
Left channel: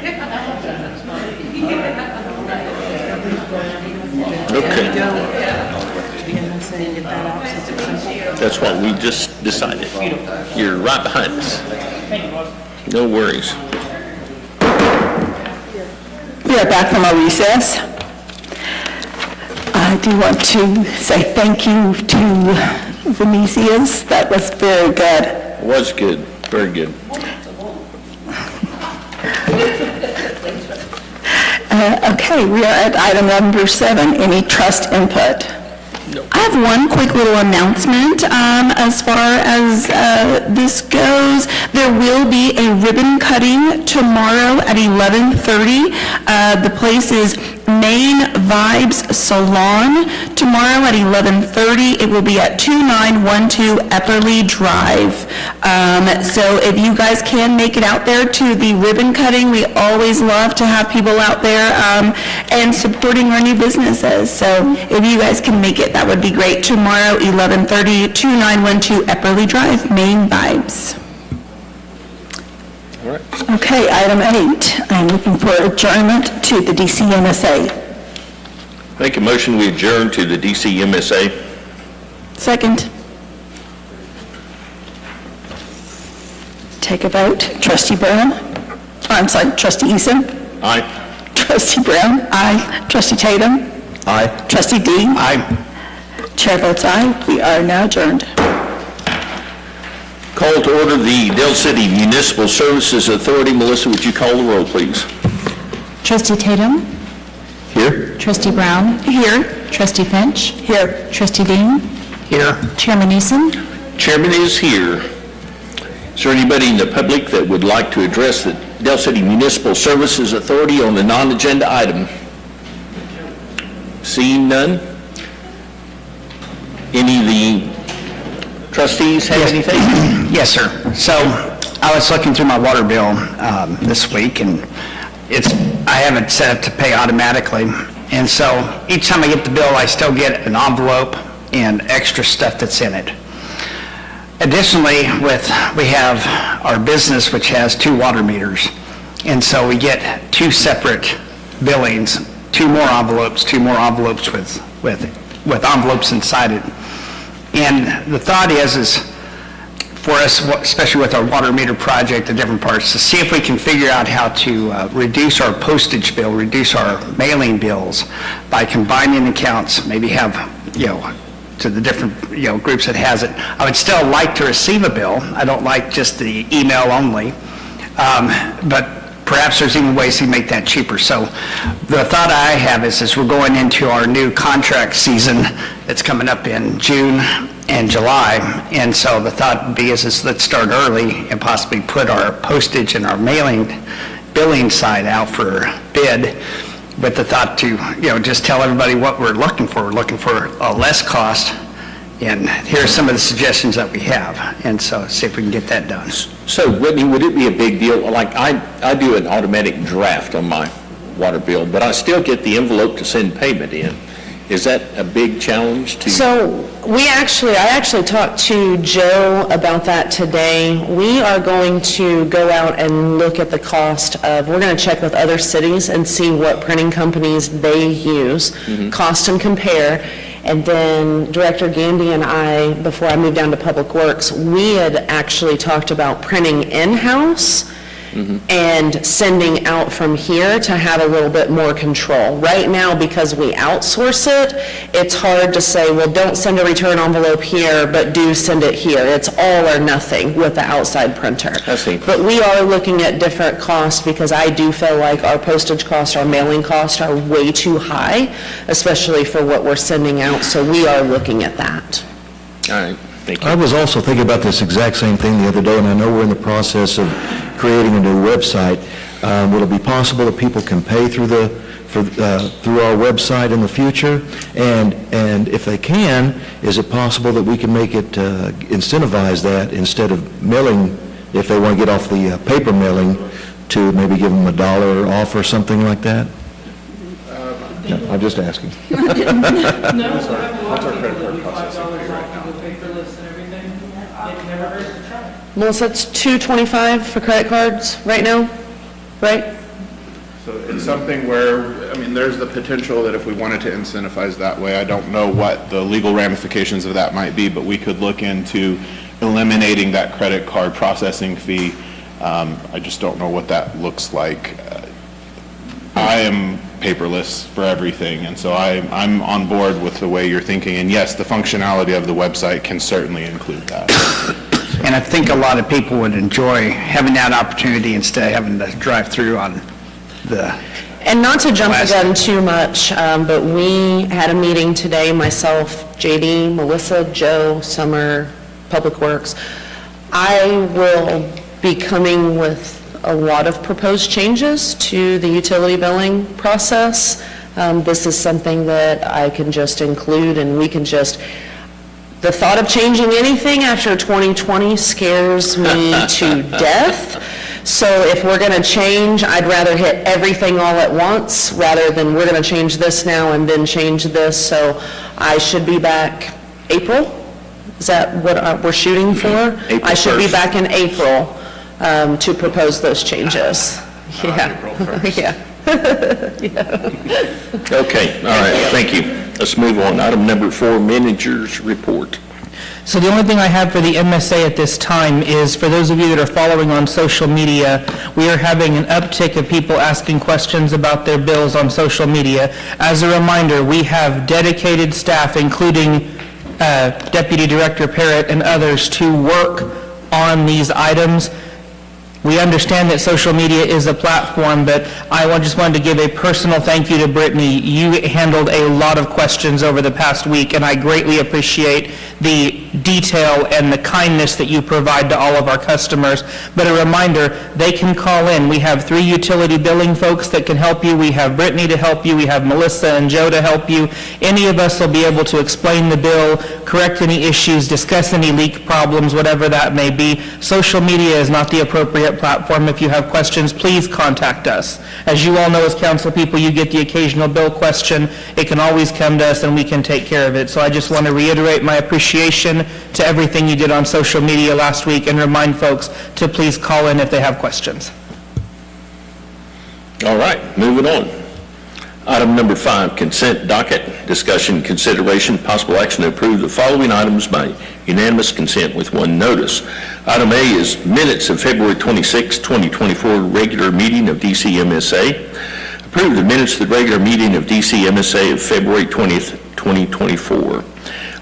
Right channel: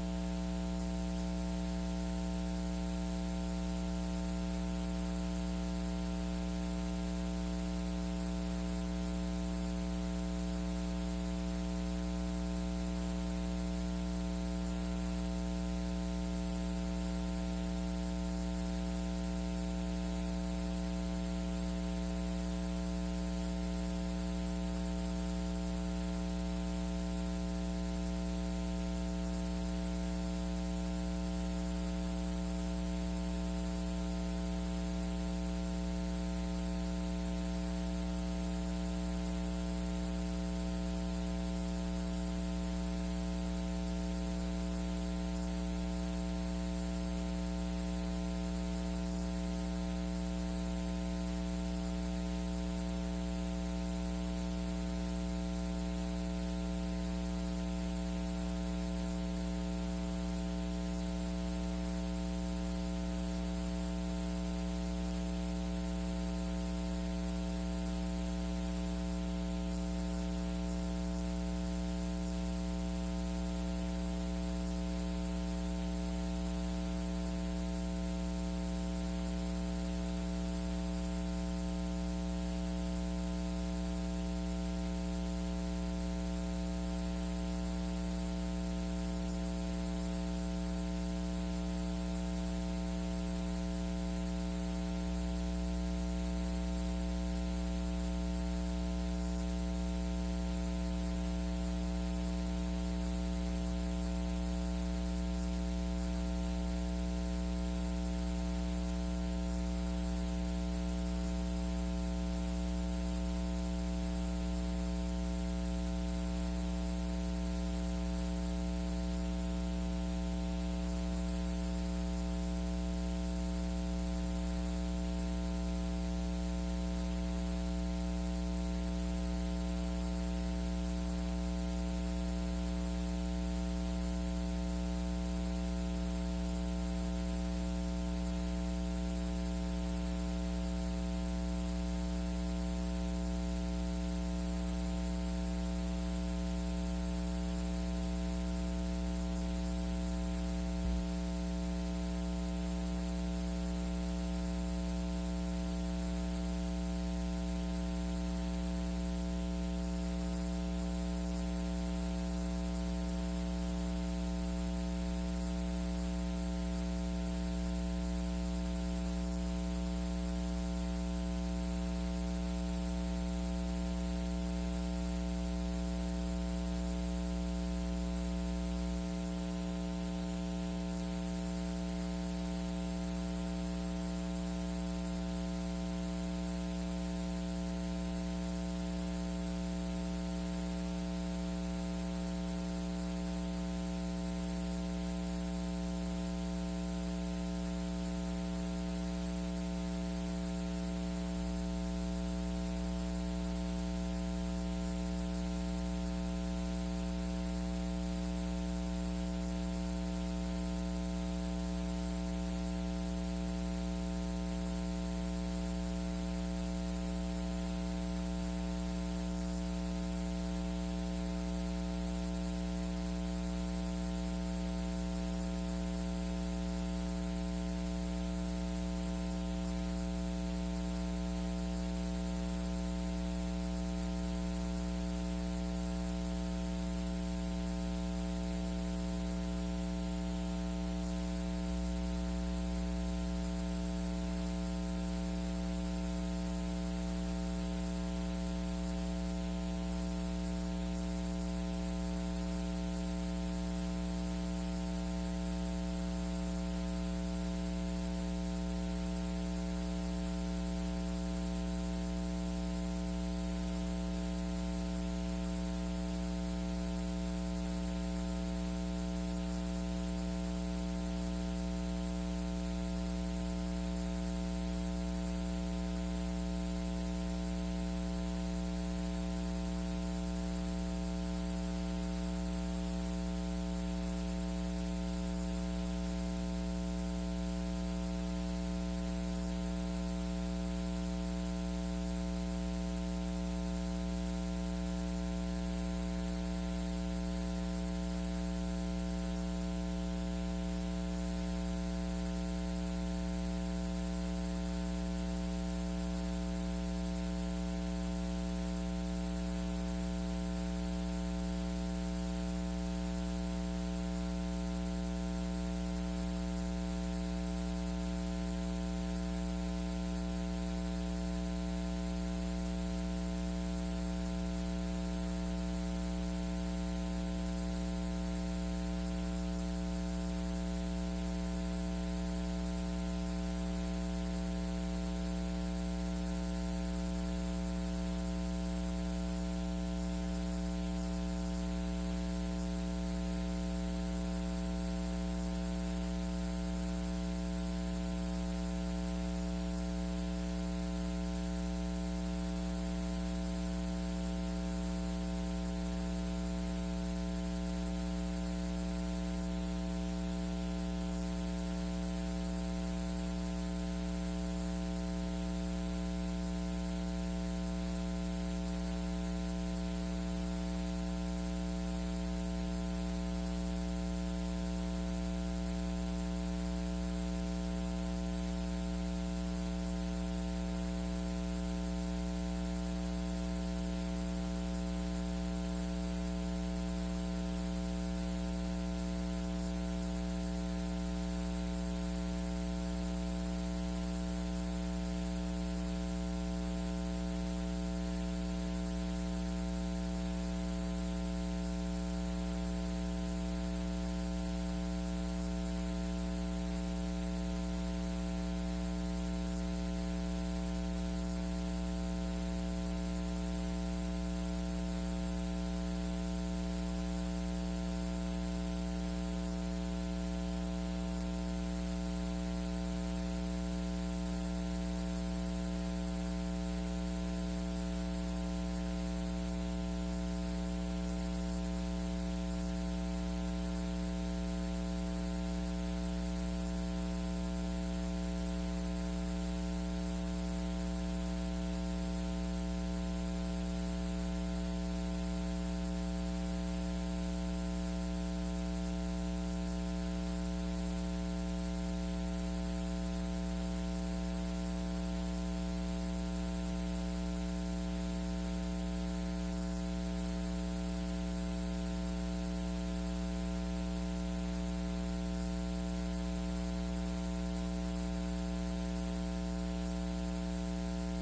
Okay. That's what we just decided. You're right behind us. No worries. We are back from our recess. I do want to say thank you to Venetia's. That was very good. It was good, very good. Okay, we are at item number 7, any trust input. I have one quick little announcement as far as this goes. There will be a ribbon cutting tomorrow at 11:30. The place is Main Vibes Salon. Tomorrow at 11:30, it will be at 2912 Epperly Drive. So if you guys can make it out there to the ribbon cutting, we always love to have people out there and supporting our new businesses. So if you guys can make it, that would be great. Tomorrow, 11:30, 2912 Epperly Drive, Main Vibes. All right. Okay, item 8, I'm looking for adjournment to the DCMSA. Make a motion, we adjourn to the DCMSA. Second. Take a vote. Trustee Brown? I'm sorry, Trustee Eason? Aye. Trustee Brown? Aye. Trustee Tatum? Aye. Trustee Dean? Aye. Chair votes aye. We are now adjourned. Call to order the Dale City Municipal Services Authority. Melissa, would you call the roll, please? Trustee Tatum? Here? Trustee Brown? Here. Trustee Finch? Here. Trustee Dean? Here. Chairman Eason? Chairman is here. Is there anybody in the public that would like to address the Dale City Municipal Services Authority on the non-agenda item? Seeing none? Any of the trustees have anything? Yes, sir. So I was looking through my water bill this week, and I have it set up to pay automatically. And so each time I get the bill, I still get an envelope and extra stuff that's in it. Additionally, we have our business, which has 2 water meters. And so we get 2 separate billings, 2 more envelopes with envelopes inside it. And the thought is for us, especially with our water meter project, the different parts, to see if we can figure out how to reduce our postage bill, reduce our mailing bills by combining accounts, maybe have, to the different, groups that has it. I would still like to receive a bill. I don't like just the email only. But perhaps there's even ways to make that cheaper. So the thought I have is we're going into our new contract season that's coming up in June and July. And so the thought would be is let's start early and possibly put our postage and our billing side out for bid, with the thought to, just tell everybody what we're looking for. We're looking for a less cost, and here are some of the suggestions that we have, and so see if we can get that done. So, Whitney, would it be a big deal? Like, I do an automatic draft on my water bill, but I still get the envelope to send payment in. Is that a big challenge to? So I actually talked to Joe about that today. We are going to go out and look at the cost we're going to check with other cities and see what printing companies they use, cost and compare. And then Director Gandy and I, before I moved down to Public Works, we had actually talked about printing in-house and sending out from here to have a little bit more control. Right now, because we outsource it, it's hard to say, well, don't send a return envelope here, but do send it here. It's all or nothing with the outside printer. I see. But we are looking at different costs because I do feel like our postage costs, our mailing costs are way too high, especially for what we're sending out, so we are looking at that. All right, thank you. I was also thinking about this exact same thing the other day, and I know we're in the process of creating a new website. Will it be possible that people can pay through through our website in the future? And if they can, is it possible that we can make it incentivize that instead of mailing, if they want to get off the paper mailing, to maybe give them $1 off or something like that? Yeah, I'm just asking. What's our credit card processing fee right now? Melissa, it's $2.25 for credit cards right now, right? So it's something where, I mean, there's the potential that if we wanted to incentivize that way, I don't know what the legal ramifications of that might be, but we could look into eliminating that credit card processing fee. I just don't know what that looks like. I am paperless for everything, and so I'm on board with the way you're thinking. And yes, the functionality of the website can certainly include that. And I think a lot of people would enjoy having that opportunity instead of having to drive through on the... And not to jump the Last- gun too much, but we had a meeting today, myself, JD, Melissa, Joe, Summer, Public Works. I will be coming with a lot of proposed changes to the utility billing process. This is something that I can just include, and we can just, the thought of changing anything after 2020 scares me to death. So if we're going to change, I'd rather hit everything all at once rather than we're going to change this now and then change this. So I should be back April. Is that what we're shooting for? April I should be 1st. back in April to propose those changes. Yeah. Yeah. Okay, all right, thank you. Let's move on. Item number 4, Manager's Report. So the only thing I have for the MSA at this time is, for those of you that are following on social media, we are having an uptick of people asking questions about their bills on social media. As a reminder, we have dedicated staff, including Deputy Director Parrott and others, to work on these items. We understand that social media is a platform, but just wanted to give a personal thank you to Brittany. You handled a lot of questions over the past week, and I greatly appreciate the detail and the kindness that you provide to all of our customers. But a reminder, they can call in. We have 3 utility billing folks that can help you. We have Brittany to help you. We have Melissa and Joe to help you. Any of us will be able to explain the bill, correct any issues, discuss any leak problems, whatever that may be. Social media is not the appropriate platform. If you have questions, please contact us. As you all know, as council people, you get the occasional bill question. It can always come to us and we can take care of it. So I just want to reiterate my appreciation to everything you did on social media last week and remind folks to please call in if they have questions. All right, moving on. Item number 5, Consent Docket. Discussion, consideration, possible action to approve the following items by unanimous consent with one notice. Item A is minutes of February 26, 2024, regular meeting of DCMSA. Approve the minutes of the regular meeting of DCMSA of February 20th, 2024.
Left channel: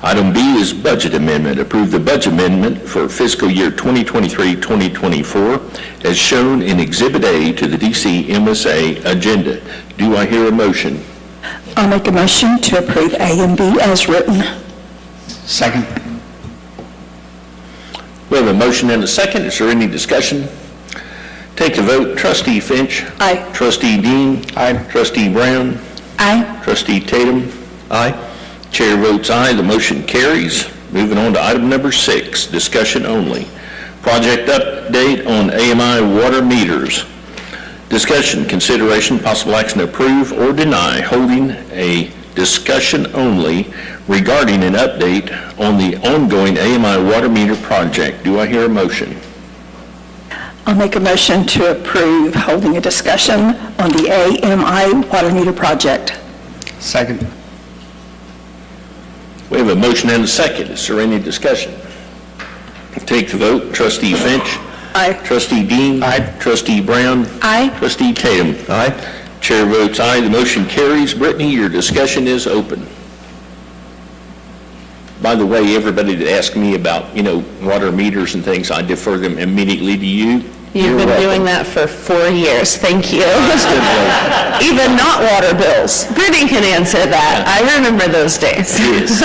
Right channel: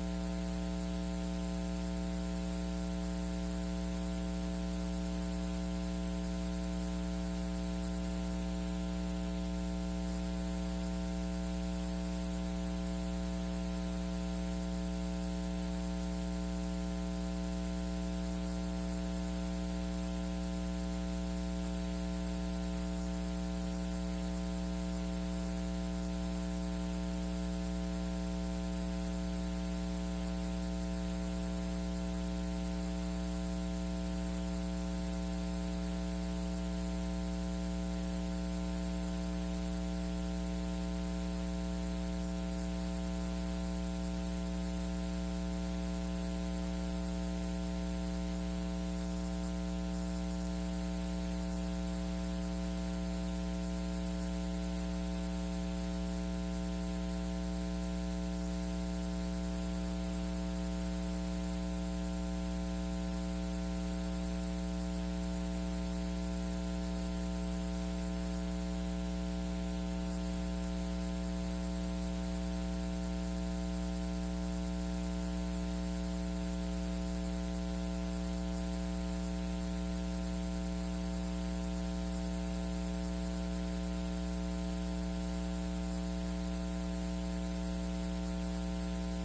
Item B is budget amendment. Approve the budget amendment for fiscal year 2023-2024 as shown in Exhibit A to the DCMSA agenda. Do I hear a motion? I'll make a motion to approve A and B as written. Second. We have a motion and a second. Is there any discussion? Take the vote. Trustee Finch. Aye. Trustee Dean. Aye. Trustee Brown. Aye. Trustee Tatum. Aye. Chair votes aye. The motion carries. Moving on to item number 6, discussion only. Project update on AMI water meters. Discussion, consideration, possible action to approve or deny holding a discussion only regarding an update on the ongoing AMI water meter project. Do I hear a motion? I'll make a motion to approve holding a discussion on the AMI water meter project. Second. We have a motion and a second. Is there any discussion? Take the vote. Trustee Finch. Aye. Trustee Dean. Aye. Trustee Brown. Aye. Trustee Tatum. Aye. Chair votes aye. The motion carries. Brittany, your discussion is open. By the way, everybody that asked me about, water meters and things, I defer them immediately to you. You've been doing that for 4 years, thank you. Even not water bills. Brittany can answer that. I remember those days. Yes.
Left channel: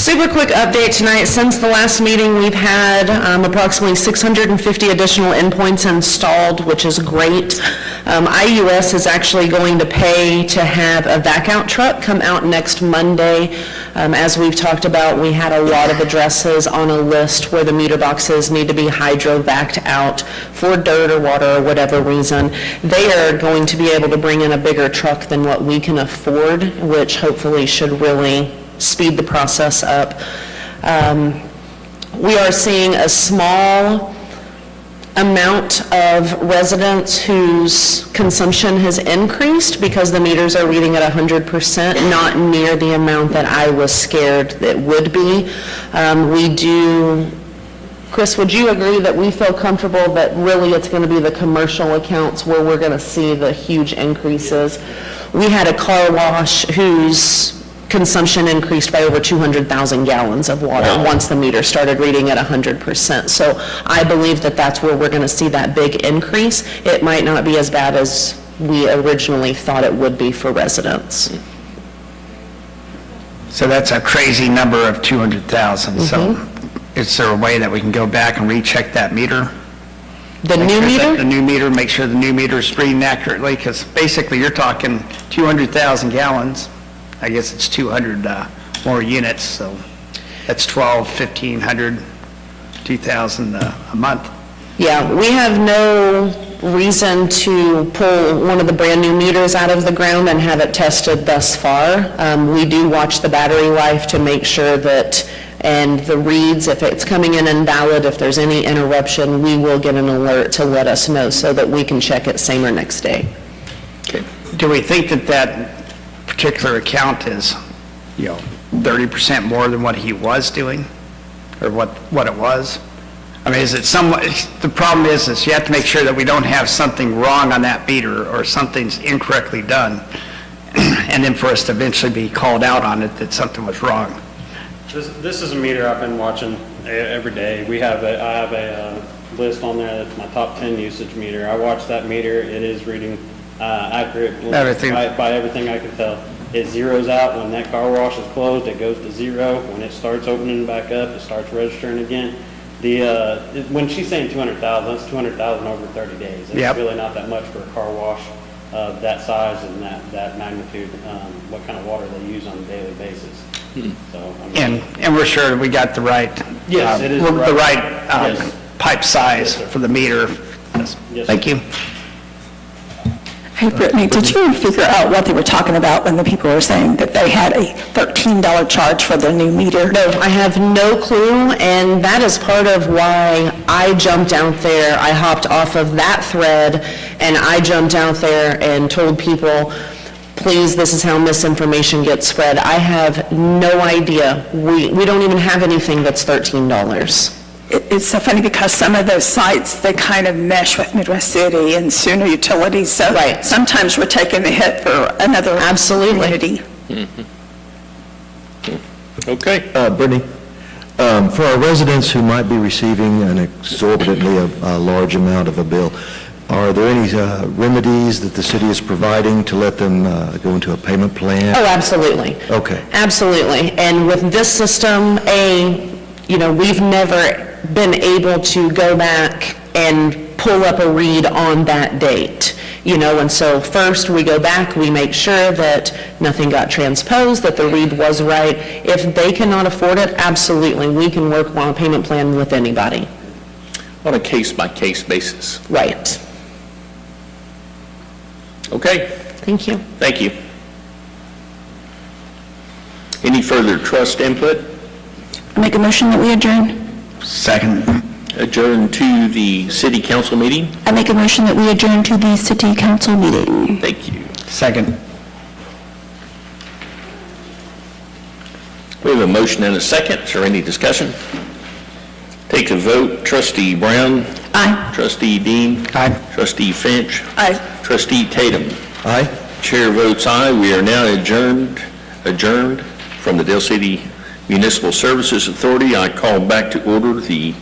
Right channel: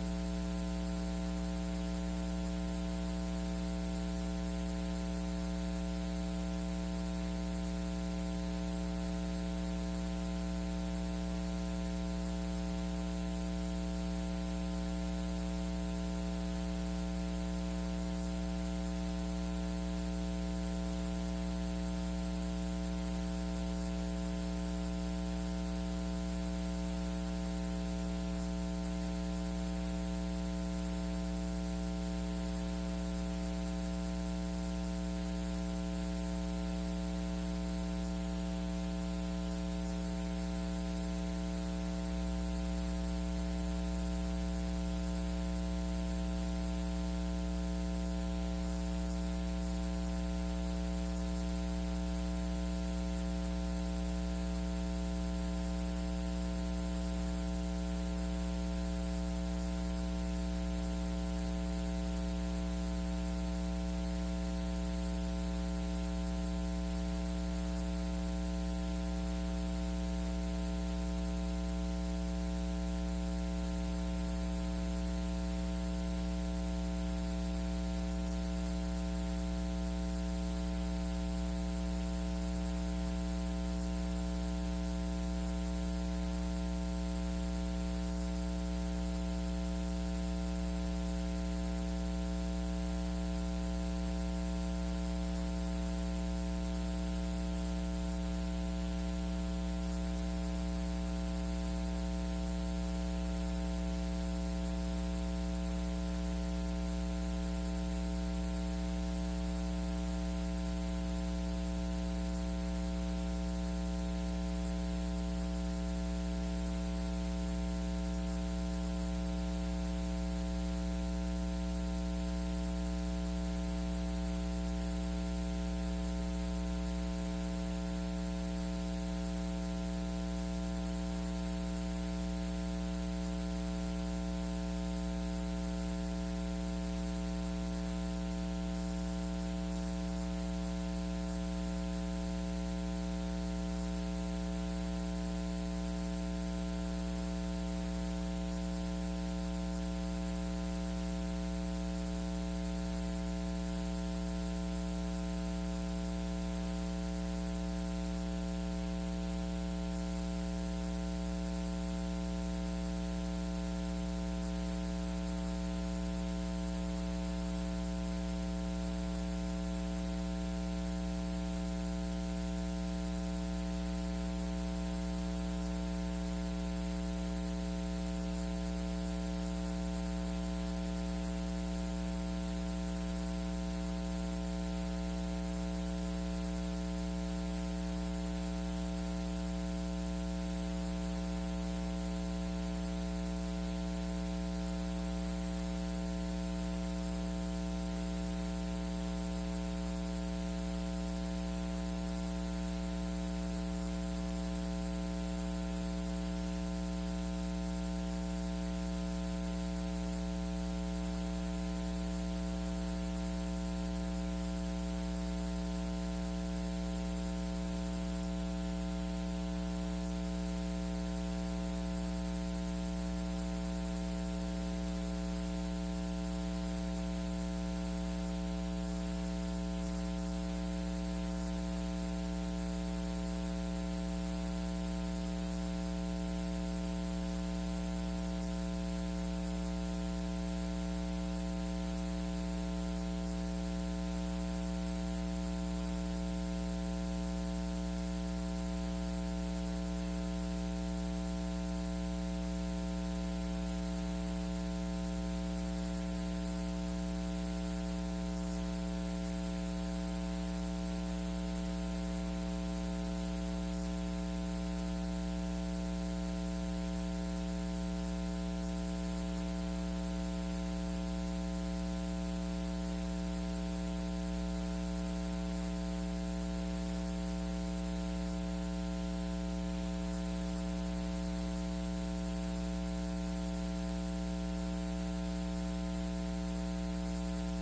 Super quick update tonight. Since the last meeting, we've had approximately 650 additional endpoints installed, which is great. IUS is actually going to pay to have a vac out truck come out next Monday. As we've talked about, we had a lot of addresses on a list where the meter boxes need to be hydro-vacked out for dirt or water or whatever reason. They are going to be able to bring in a bigger truck than what we can afford, which hopefully should really speed the process up. We are seeing a small amount of residents whose consumption has increased because the meters are reading at 100%, not near the amount that I was scared that would be. Chris, would you agree that we feel comfortable that really it's going to be the commercial accounts where we're going to see the huge increases? We had a car wash whose consumption increased by over 200,000 gallons of water once the meter started reading at 100%. So I believe that that's where we're going to see that big increase. It might not be as bad as we originally thought it would be for residents. So that's a crazy number of 200,000. So is there a way that we can go back and recheck that meter? The new meter? The new meter, make sure the new meter is reading accurately, because basically you're talking 200,000 gallons. I guess it's 200 more units, so that's 1,500, 2,000 a month. Yeah, we have no reason to pull one of the brand-new meters out of the ground and have it tested thus far. We do watch the battery life to make sure that, and the reads, if it's coming in invalid, if there's any interruption, we will get an alert to let us know so that we can check it same or next day. Do we think that that particular account is, 30% more than what he was doing, or what it was? I mean, is it somewhat, the problem is you have to make sure that we don't have something wrong on that meter or something's incorrectly done, and then for us to eventually be called out on it that something was wrong. This is a meter I've been watching every day. I have a list on there that's my top 10 usage meter. I watch that meter. It is reading accurately by everything I can tell. It zeroes out when that car wash is closed. It goes to zero. When it starts opening back up, it starts registering again. When she's saying 200,000, that's 200,000 over 30 days. It's really not that much for a car wash of that size and that magnitude. What kind of water they use on a daily basis. So, And we're sure we got the right, yes, it is the right pipe size for the meter. Yes. Thank you. Hey, Brittany, did you figure out what they were talking about when the people were saying that they had a $13 charge for their new meter? No, I have no clue, and that is part of why I jumped out there. I hopped off of that thread, and I jumped out there and told people, please, this is how misinformation gets spread. I have no idea. We don't even have anything that's $13. It's so funny because some of those sites, they kind of mesh with Midwest City and Sooner Utilities, so sometimes we're taking the hit for another community. Okay. Brittany, for our residents who might be receiving an exorbitantly large amount of a bill, are there any remedies that the city is providing to let them go into a payment plan? Oh, absolutely. Okay. Absolutely. And with this system, we've never been able to go back and pull up a read on that date. And so first we go back, we make sure that nothing got transposed, that the read was right. If they cannot afford it, absolutely, we can work on a payment plan with anybody. On a case-by-case basis. Right. Okay. Thank you. Thank you. Any further trust input? I make a motion that we adjourn. Second. Adjourn to the city council meeting? I make a motion that we adjourn to the city council meeting. Thank you. Second. We have a motion and a second. Is there any discussion? Take a vote. Trustee Brown? Aye. Trustee Dean? Aye. Trustee Finch? Aye. Trustee Tatum? Aye. Chair votes aye. We are now adjourned from the Dale City Municipal Services Authority. I call back to order the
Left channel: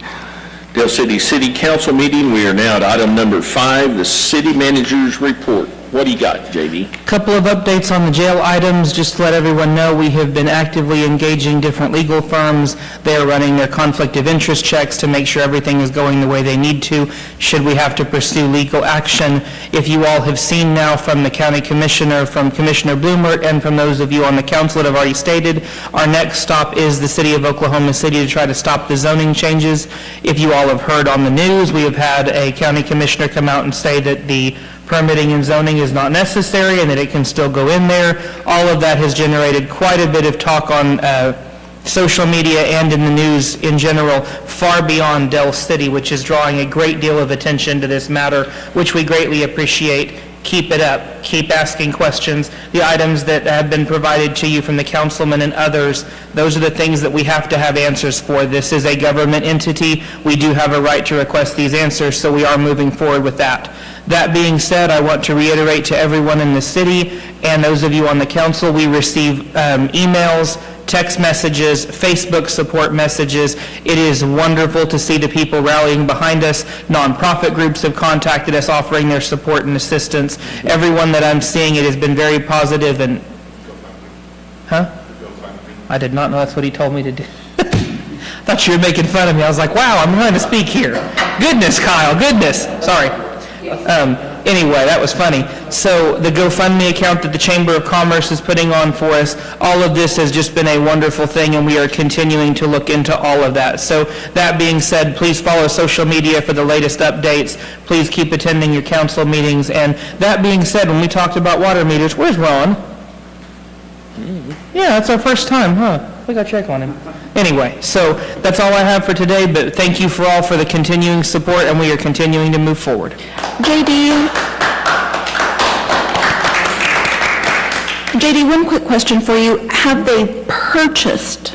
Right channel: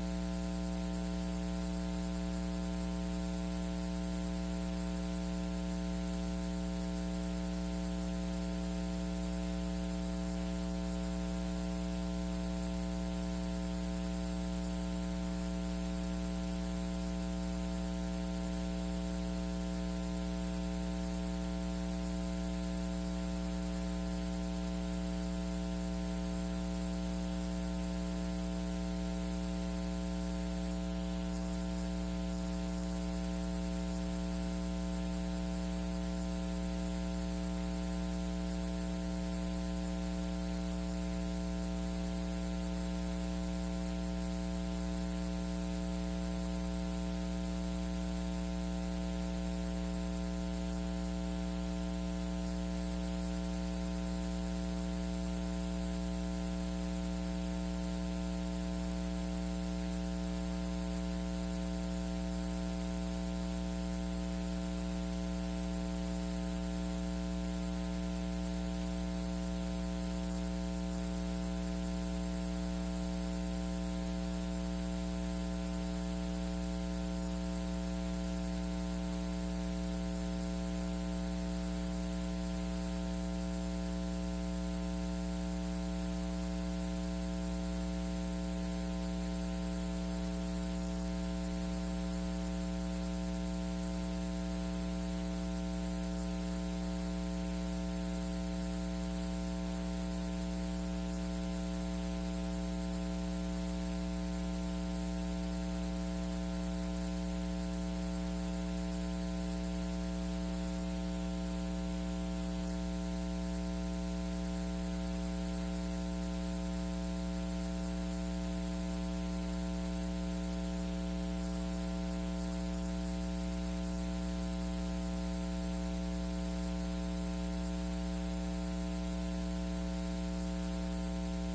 Dale City City Council meeting. We are now at item number 5, the city manager's report. What do you got, JD? Couple of updates on the jail items, just to let everyone know, we have been actively engaging different legal firms. They are running their conflict of interest checks to make sure everything is going the way they need to, should we have to pursue legal action. If you all have seen now from the county commissioner, from Commissioner Bloomert, and from those of you on the council that have already stated, our next stop is the city of Oklahoma City to try to stop the zoning changes. If you all have heard on the news, we have had a county commissioner come out and say that the permitting and zoning is not necessary and that it can still go in there. All of that has generated quite a bit of talk on social media and in the news in general, far beyond Del City, which is drawing a great deal of attention to this matter, which we greatly appreciate. Keep it up. Keep asking questions. The items that have been provided to you from the councilman and others, those are the things that we have to have answers for. This is a government entity. We do have a right to request these answers, so we are moving forward with that. That being said, I want to reiterate to everyone in the city and those of you on the council, we receive emails, text messages, Facebook support messages. It is wonderful to see the people rallying behind us. Nonprofit groups have contacted us offering their support and assistance. Everyone that I'm seeing, it has been very positive and... Huh? I did not know that's what he told me to do. I thought you were making fun of me. I was like, wow, I'm going to speak here. Goodness, Kyle, goodness. Sorry. Anyway, that was funny. So the GoFundMe account that the Chamber of Commerce is putting on for us, all of this has just been a wonderful thing, and we are continuing to look into all of that. So that being said, please follow social media for the latest updates. Please keep attending your council meetings. And that being said, when we talked about water meters, where's Ron? Yeah, that's our first time, huh? We got to check on him. Anyway, so that's all I have for today, but thank you for all for the continuing support, and we are continuing to move forward. JD, one quick question for you. Have they purchased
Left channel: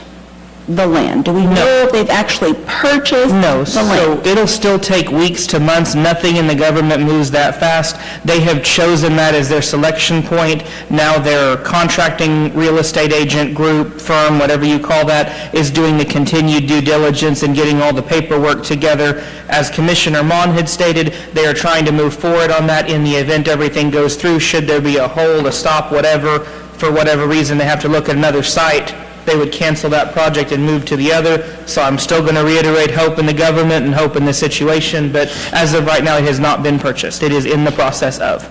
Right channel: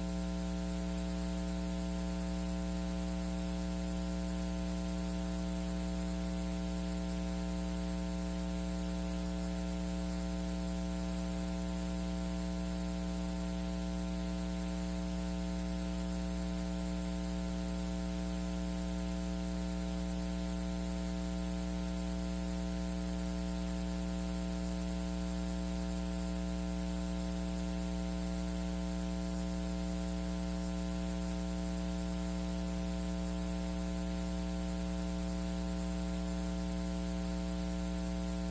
the land? Do we know if they've actually purchased No, the land? so it'll still take weeks to months. Nothing in the government moves that fast. They have chosen that as their selection point. Now their contracting real estate agent group, firm, whatever you call that, is doing the continued due diligence and getting all the paperwork together. As Commissioner Mon had stated, they are trying to move forward on that in the event everything goes through. Should there be a hold, a stop, whatever, for whatever reason, they have to look at another site, they would cancel that project and move to the other. So I'm still going to reiterate hope in the government and hope in the situation, but as of right now, it has not been purchased. It is in the process of.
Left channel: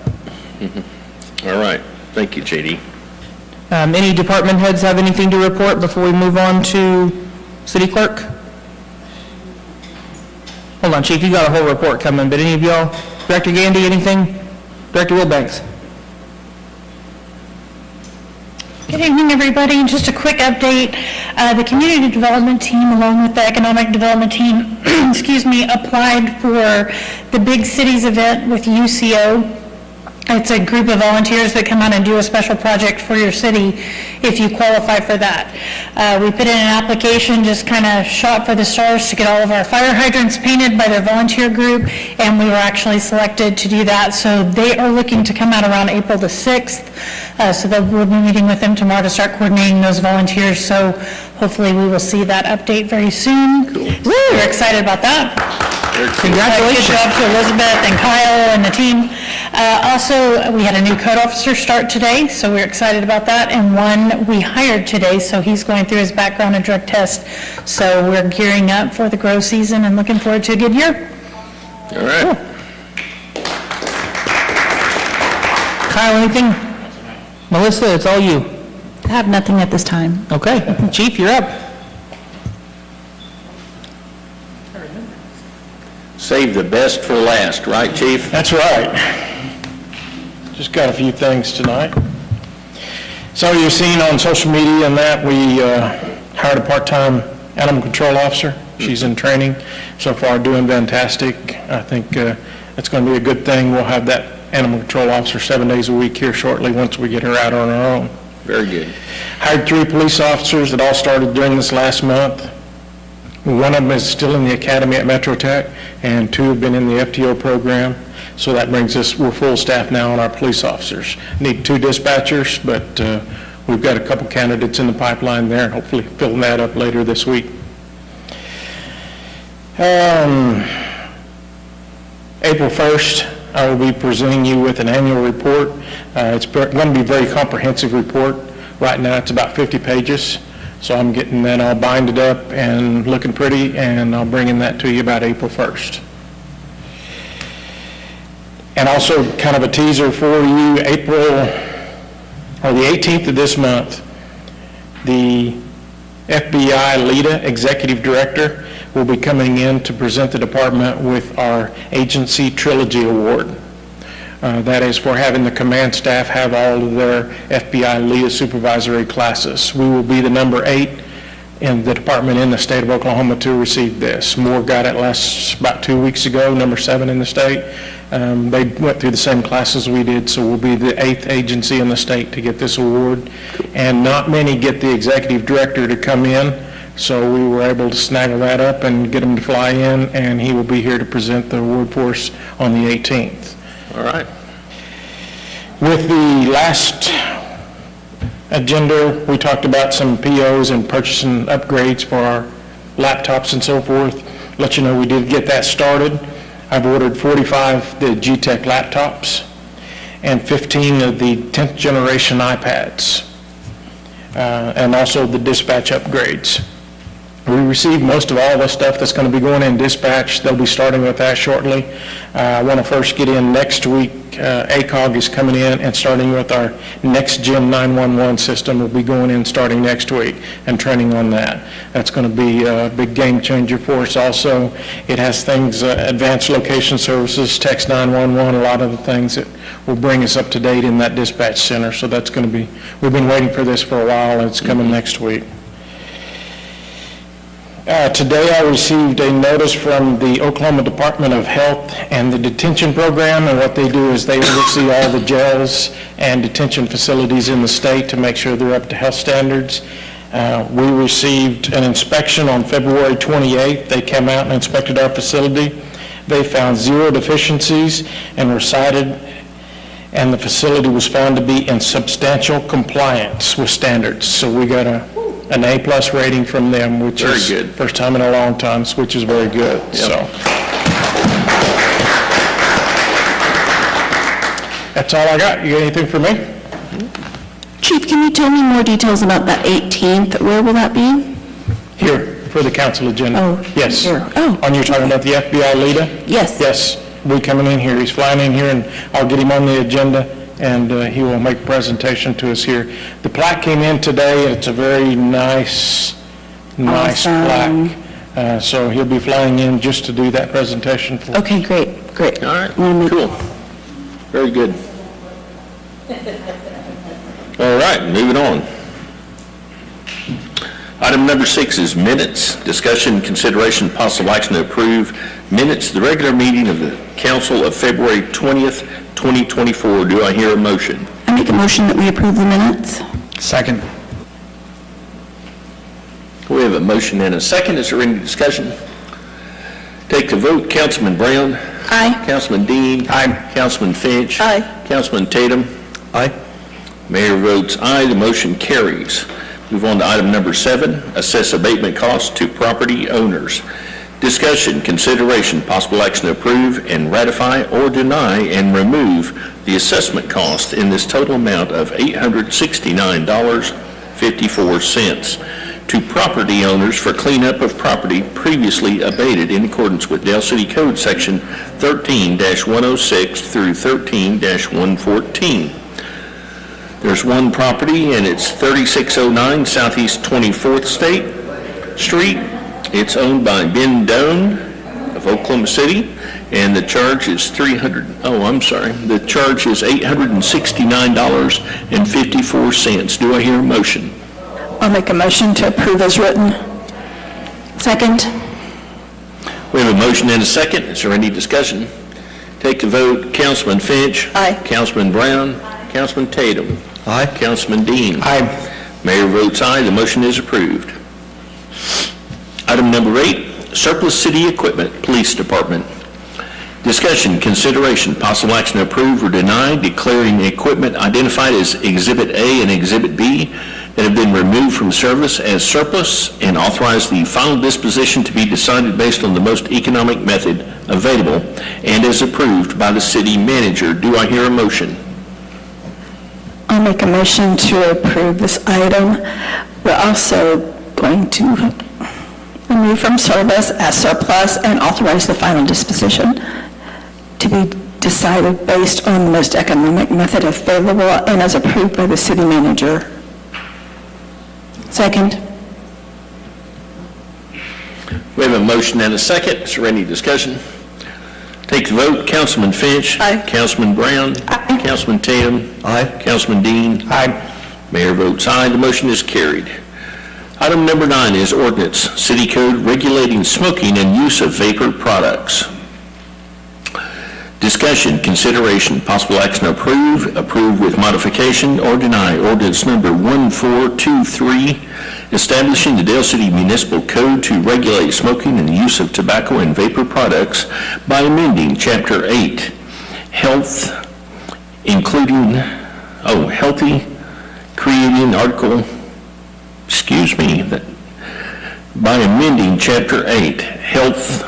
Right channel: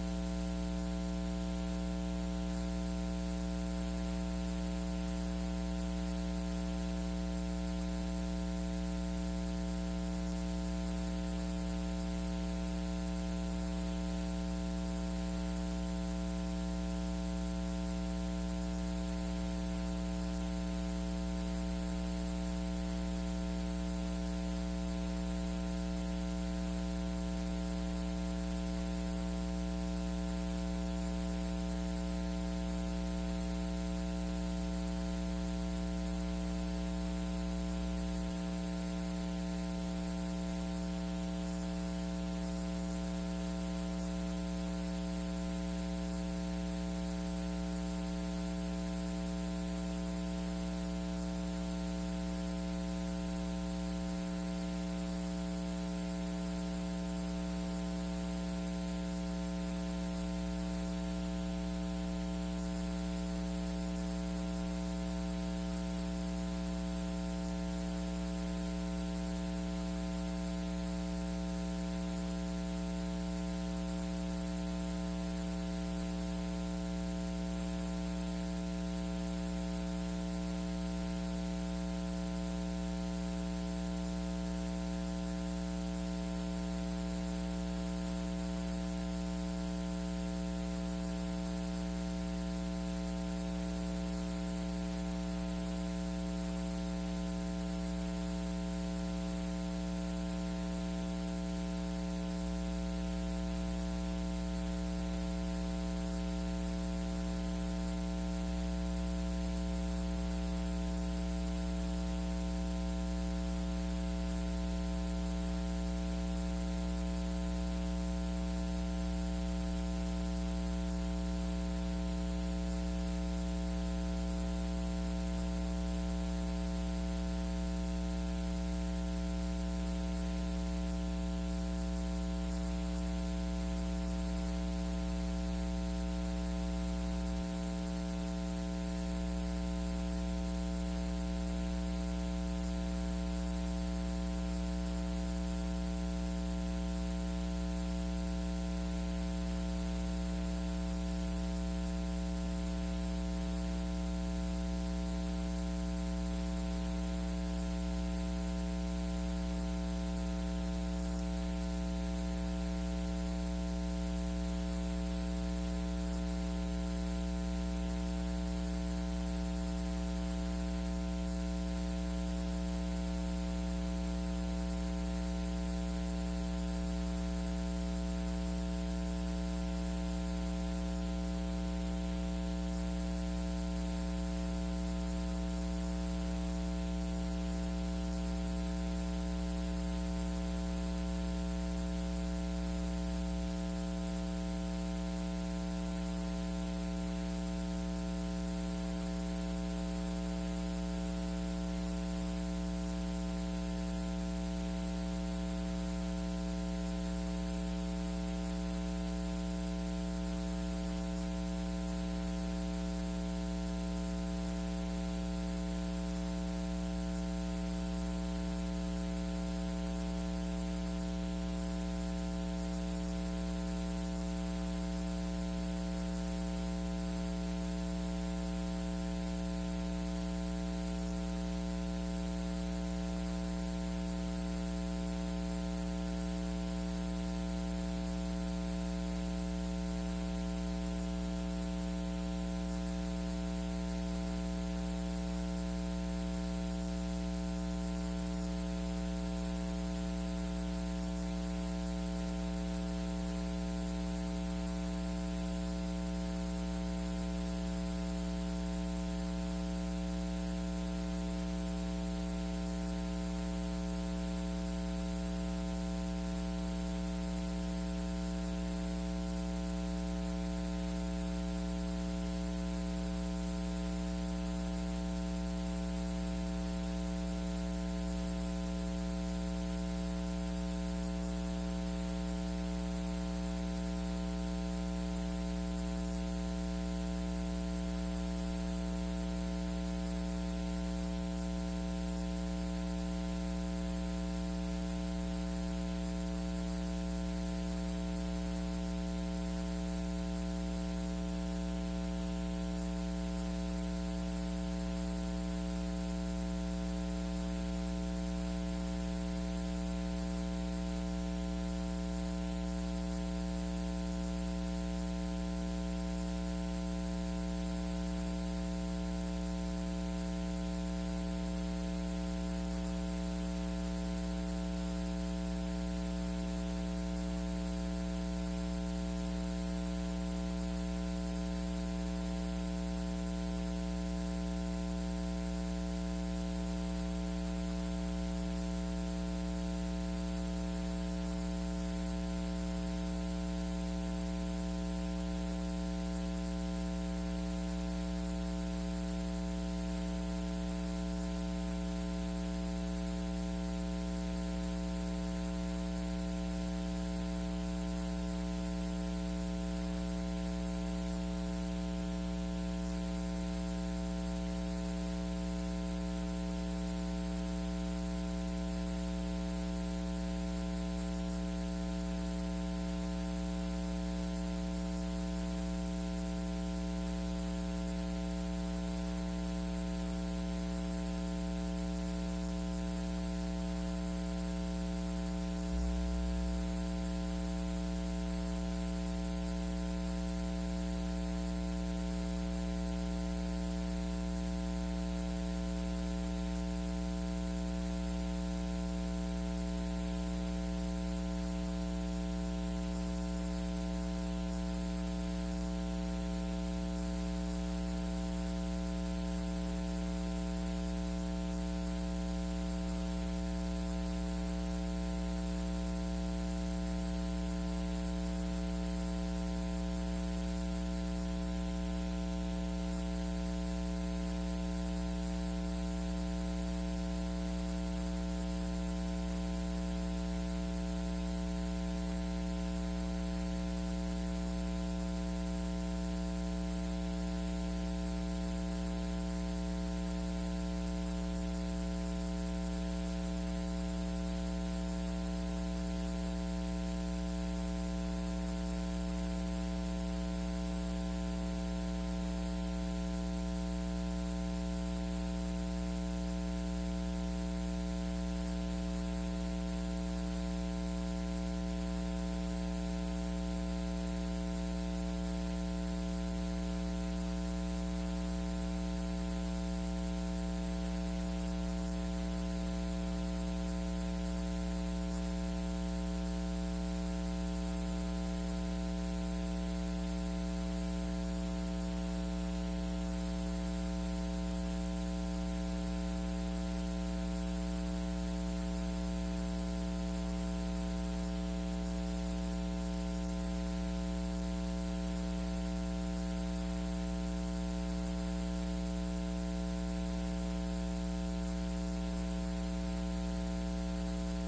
All right. Thank you, JD. Any department heads have anything to report before we move on to city clerk? Hold on, Chief, you got a whole report coming, but any of y'all? Director Gandy, anything? Director Wilbanks? Good evening, everybody. Just a quick update. The community development team, along with the economic development team, applied for the Big Cities event with UCO. It's a group of volunteers that come out and do a special project for your city if you qualify for that. We put in an application, just kind of shot for the stars to get all of our fire hydrants painted by their volunteer group, and we were actually selected to do that. So they are looking to come out around April the 6th. So we'll be meeting with them tomorrow to start coordinating those volunteers. So hopefully we will see that update very soon. Cool. We're excited about that. Congratulations. Good job to Elizabeth and Kyle and the team. Also, we had a new code officer start today, so we're excited about that. And one we hired today, so he's going through his background and drug test. So we're gearing up for the grow season and looking forward to a good year. All right. Cool. Kyle, anything? Melissa, it's all you. I have nothing at this time. Okay. Chief, you're up. Save the best for last, right, Chief? That's right. Just got a few things tonight. So you've seen on social media and that we hired a part-time animal control officer. She's in training, so far doing fantastic. I think it's going to be a good thing. We'll have that animal control officer 7 days a week here shortly once we get her out on her own. Very good. Hired 3 police officers that all started during this last month. One of them is still in the academy at Metro Tech, and 2 have been in the FTO program. So that brings us, we're full staff now on our police officers. Need 2 dispatchers, but we've got a couple candidates in the pipeline there, and hopefully filling that up later this week. April 1st, I will be presenting you with an annual report. It's going to be a very comprehensive report. Right now, it's about 50 pages. So I'm getting that all binded up and looking pretty, and I'll bring in that to you about April 1st. And also kind of a teaser for you, the 18th of this month, the FBI LEDA Executive Director will be coming in to present the department with our Agency Trilogy Award. That is for having the command staff have all of their FBI LEDA supervisory classes. We will be the number 8 in the department in the state of Oklahoma to receive this. Moore got it about 2 weeks ago, number 7 in the state. They went through the same classes we did, so we'll be the 8th agency in the state to get this award. And not many get the executive director to come in, so we were able to snaggle that up and get him to fly in, and he will be here to present the award for us on the 18th. All right. With the last agenda, we talked about some POs and purchasing upgrades for our laptops and so forth. Let you know we did get that started. I've ordered 45 the G-Tech laptops and 15 of the 10th generation iPads, and also the dispatch upgrades. We received most of all the stuff that's going to be going in dispatch. They'll be starting with that shortly. I want to first get in next week. ACOG is coming in and starting with our next gen 911 system. Will be going in starting next week and training on that. That's going to be a big game changer for us also. It has things, advanced location services, text 911, a lot of the things that will bring us up to date in that dispatch center. So that's going to be, we've been waiting for this for a while, and it's coming next week. Today I received a notice from the Oklahoma Department of Health and the detention program, and what they do is they oversee all the jails and detention facilities in the state to make sure they're up to health standards. We received an inspection on February 28th. They came out and inspected our facility. They found 0 deficiencies and were cited, and the facility was found to be in substantial compliance with standards. So we got an A+ rating from them, which Very is good. first time in a long time, which is very good. So that's all I got. You got anything for me? Chief, can you tell me more details about that 18th? Where will that be? Here, for the council agenda. Oh, Yes. here. Oh. On, you're talking about the FBI leader? Yes. Yes, we coming in here. He's flying in here, and I'll get him on the agenda, and he will make a presentation to us here. The plaque came in today, and it's a very nice Awesome. plaque. So he'll be flying in just to do that presentation for Okay, great. All right, cool. Very good. All right, moving on. Item number 6 is minutes. Discussion, consideration, possible action to approve minutes of the regular meeting of the council of February 20th, 2024. Do I hear a motion? I make a motion that we approve the minutes. Second. We have a motion and a second. Is there any discussion? Take the vote. Councilman Brown? Aye. Councilman Dean? Aye. Councilman Finch? Aye. Councilman Tatum? Aye. Mayor votes aye. The motion carries. Move on to item number 7, assess abatement costs to property owners. Discussion, consideration, possible action to approve and ratify or deny and remove the assessment cost in this total amount of $869.54 to property owners for cleanup of property previously abated in accordance with Dale City Code Section 13-106 through 13-114. There's one property, and it's 3609 Southeast 24th Street. It's owned by Ben Doan of Oklahoma City, and the charge is the charge is $869.54. Do I hear a motion? I'll make a motion to approve as written. Second. We have a motion and a second. Is there any discussion? Take the vote. Councilman Finch. Aye. Councilman Brown. Councilman Tatum. Aye. Councilman Dean. Aye. Mayor votes aye. The motion is approved. Item number 8, surplus city equipment, Police Department. Discussion, consideration, possible action to approve or deny declaring equipment identified as Exhibit A and Exhibit B that have been removed from service as surplus, and authorize the final disposition to be decided based on the most economic method available and as approved by the city manager. Do I hear a motion? I'll make a motion to approve this item. We're also going to remove from service as surplus and authorize the final disposition to be decided based on the most economic method available and as approved by the city manager. Second. We have a motion and a second. Is there any discussion? Take the vote. Councilman Finch. Aye. Councilman Brown. Aye. Councilman Tatum. Aye. Councilman Dean. Aye. Mayor votes aye. The motion is carried. Item number 9 is ordinance, city code regulating smoking and use of vapor products. Discussion, consideration, possible action, approve with modification, or deny ordinance number 1423, establishing the Dale City Municipal Code to regulate smoking and the use of tobacco and vapor products by amending Chapter 8, Health, including, healthy, creating article, by amending Chapter 8, Health,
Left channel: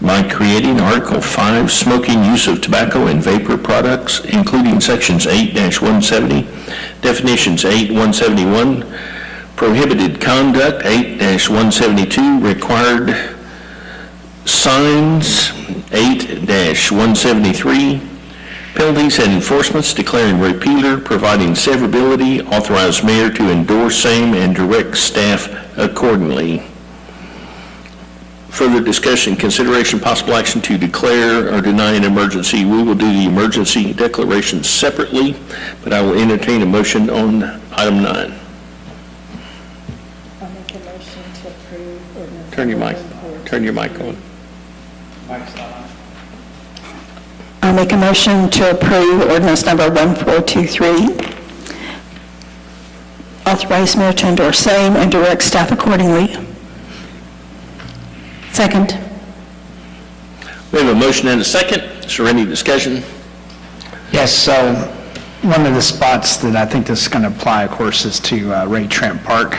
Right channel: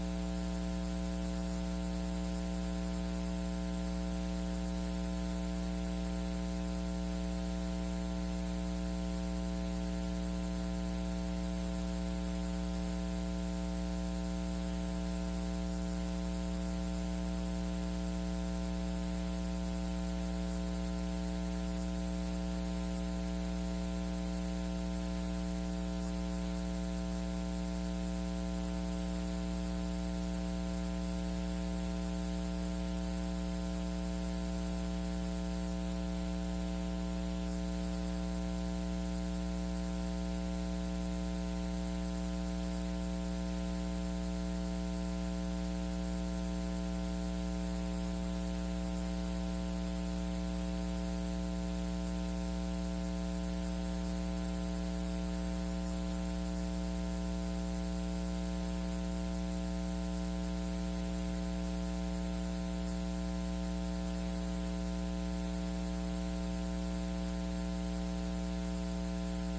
by creating Article 5, Smoking, Use of Tobacco and Vapor Products, including Sections 8-170, Definitions 8-171, Prohibited Conduct 8-172, Required Signs 8-173, Penalties and Enforcements, declaring repealer, providing severability, authorize mayor to endorse same and direct staff accordingly. Further discussion, consideration, possible action to declare or deny an emergency. We will do the emergency declaration separately, but I will entertain a motion on item 9. I'll make a motion to approve ordinance. Turn your mic on. I'll make a motion to approve ordinance number 1423. Authorize mayor to endorse same and direct staff accordingly. Second. We have a motion and a second. Is there any discussion? Yes, so one of the spots that I think this is going to apply, of course, is to Ray Trent Park.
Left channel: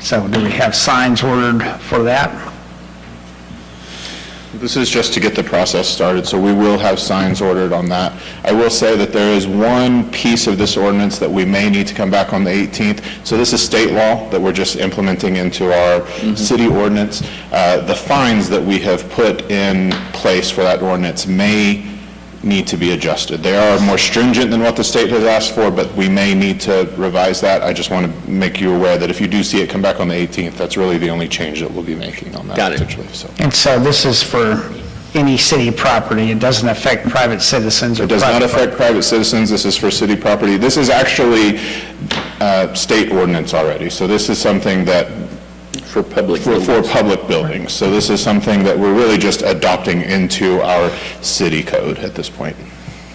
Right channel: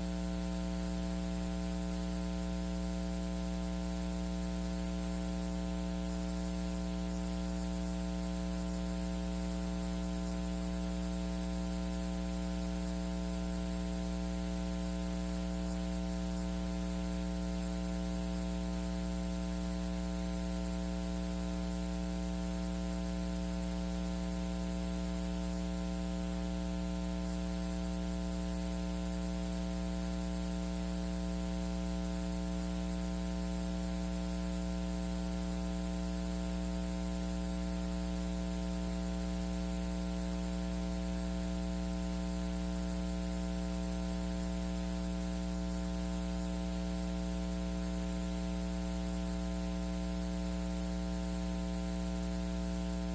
So do we have signs ordered for that? This is just to get the process started, so we will have signs ordered on that. I will say that there is one piece of this ordinance that we may need to come back on the 18th. So this is state law that we're just implementing into our city ordinance. The fines that we have put in place for that ordinance may need to be adjusted. They are more stringent than what the state has asked for, but we may need to revise that. I just want to make you aware that if you do see it come back on the 18th, that's really the only change that we'll be making on that. Got it. Potentially. So. And so this is for any city property. It doesn't affect private citizens or It does not affect private citizens. This is for city property. This is actually state ordinance already. So this is something that For public for public buildings. So this is something that we're really just adopting into our city code at this point.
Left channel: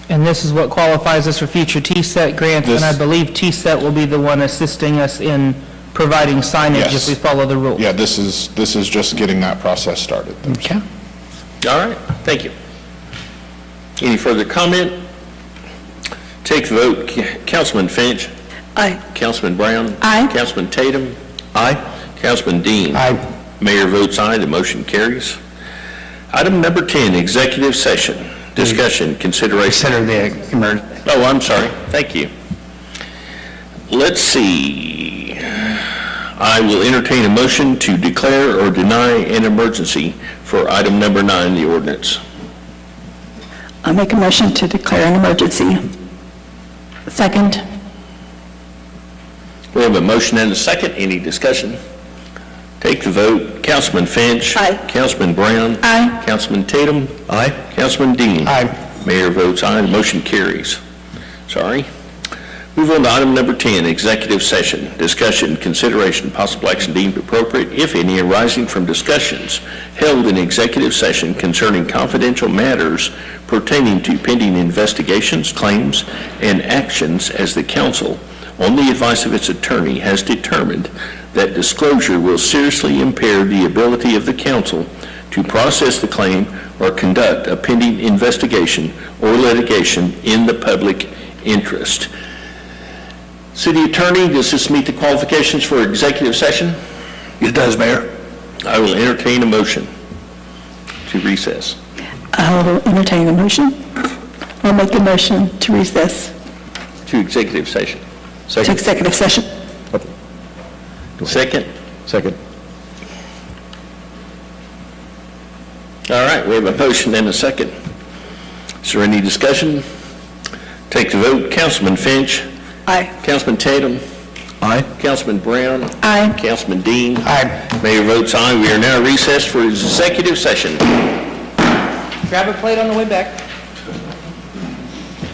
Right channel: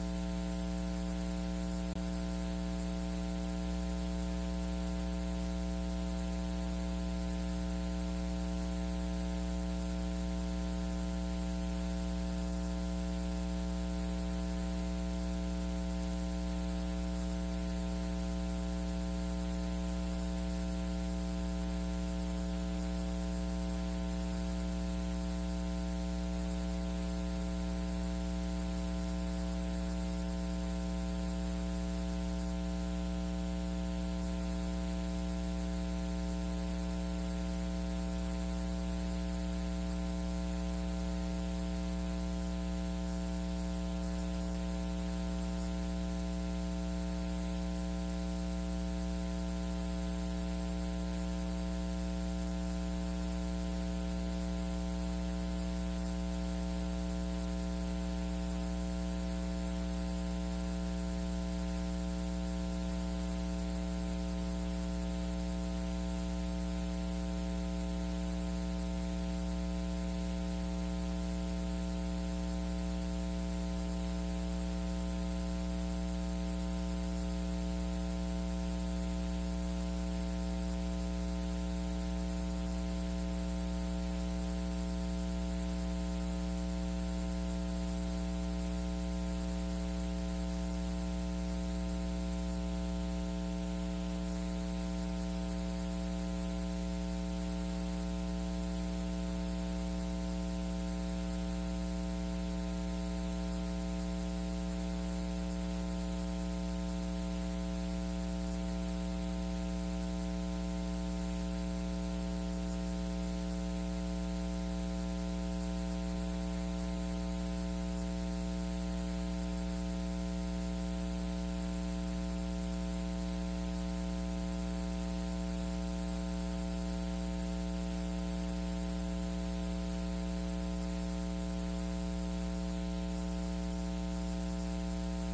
And this is what qualifies us for future TSET grants, and I believe TSET will be the one assisting us in providing signage if Yes. we follow the rules. Yeah, this is just getting that process started. Okay. All right, thank you. Any further comment? Take the vote. Councilman Finch? Aye. Councilman Brown? Aye. Councilman Tatum? Aye. Councilman Dean? Aye. Mayor votes aye, the motion carries. Item number 10, executive session. Discussion, consideration. Consider the emergency. Oh, I'm sorry, thank you. Let's see. I will entertain a motion to declare or deny an emergency for item number 9, the ordinance. I'll make a motion to declare an emergency. Second. We have a motion and a second. Any discussion? Take the vote. Councilman Finch. Aye. Councilman Brown. Aye. Councilman Tatum. Aye. Councilman Dean. Aye. Mayor votes aye. The motion carries. Sorry. Move on to item number 10, executive session. Discussion, consideration, possible action deemed appropriate, if any, arising from discussions held in executive session concerning confidential matters pertaining to pending investigations, claims, and actions as the council, on the advice of its attorney, has determined that disclosure will seriously impair the ability of the council to process the claim or conduct a pending investigation or litigation in the public interest. City Attorney, does this meet the qualifications for executive session? It does, Mayor. I will entertain a motion to recess. I'll entertain a motion. I'll make a motion to recess To executive session. to executive session. Second? Second. All right, we have a motion and a second. Is there any discussion? Take the vote. Councilman Finch. Aye. Councilman Tatum. Aye. Councilman Brown. Aye. Councilman Dean. Aye. Mayor votes aye. We are now recessed for executive session. Grab a plate on the way back.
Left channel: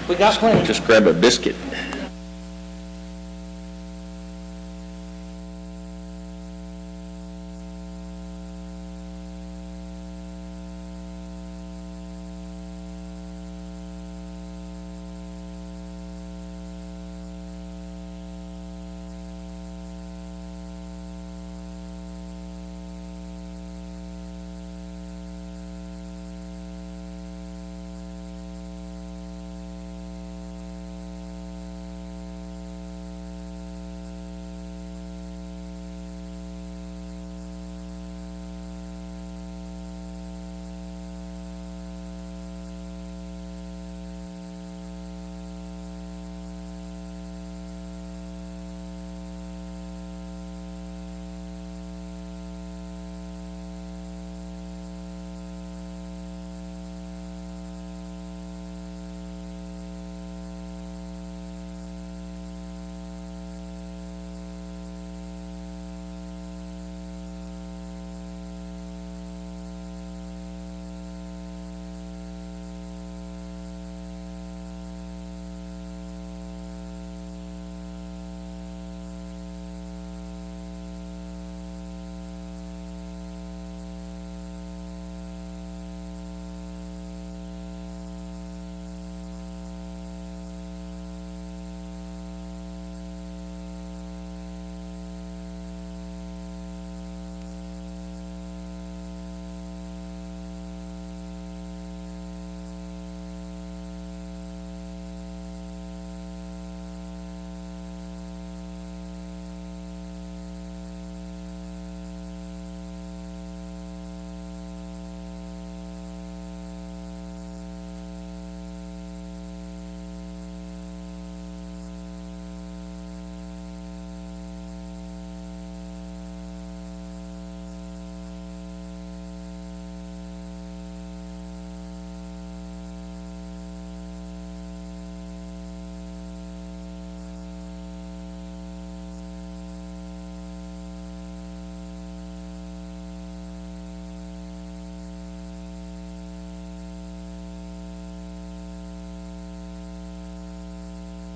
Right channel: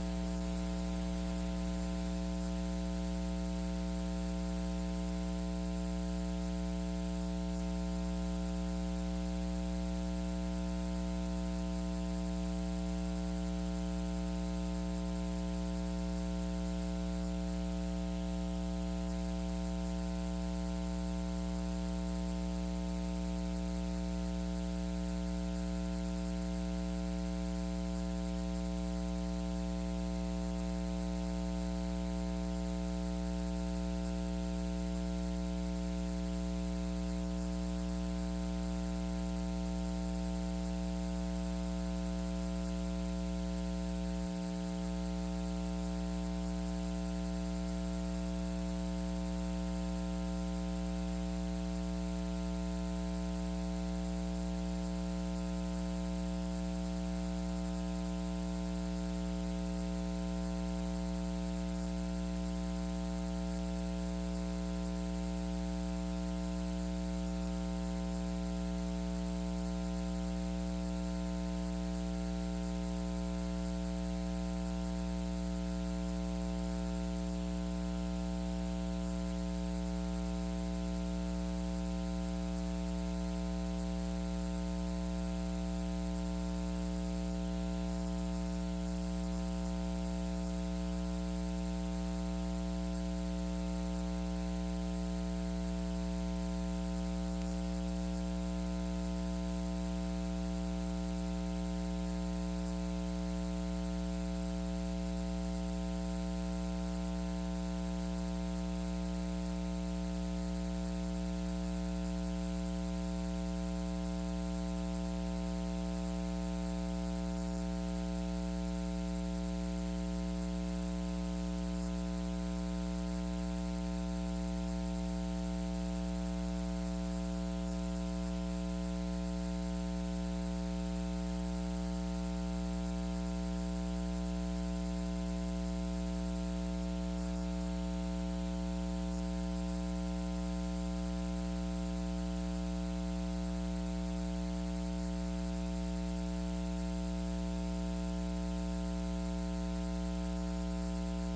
We got plenty. Just grab a biscuit.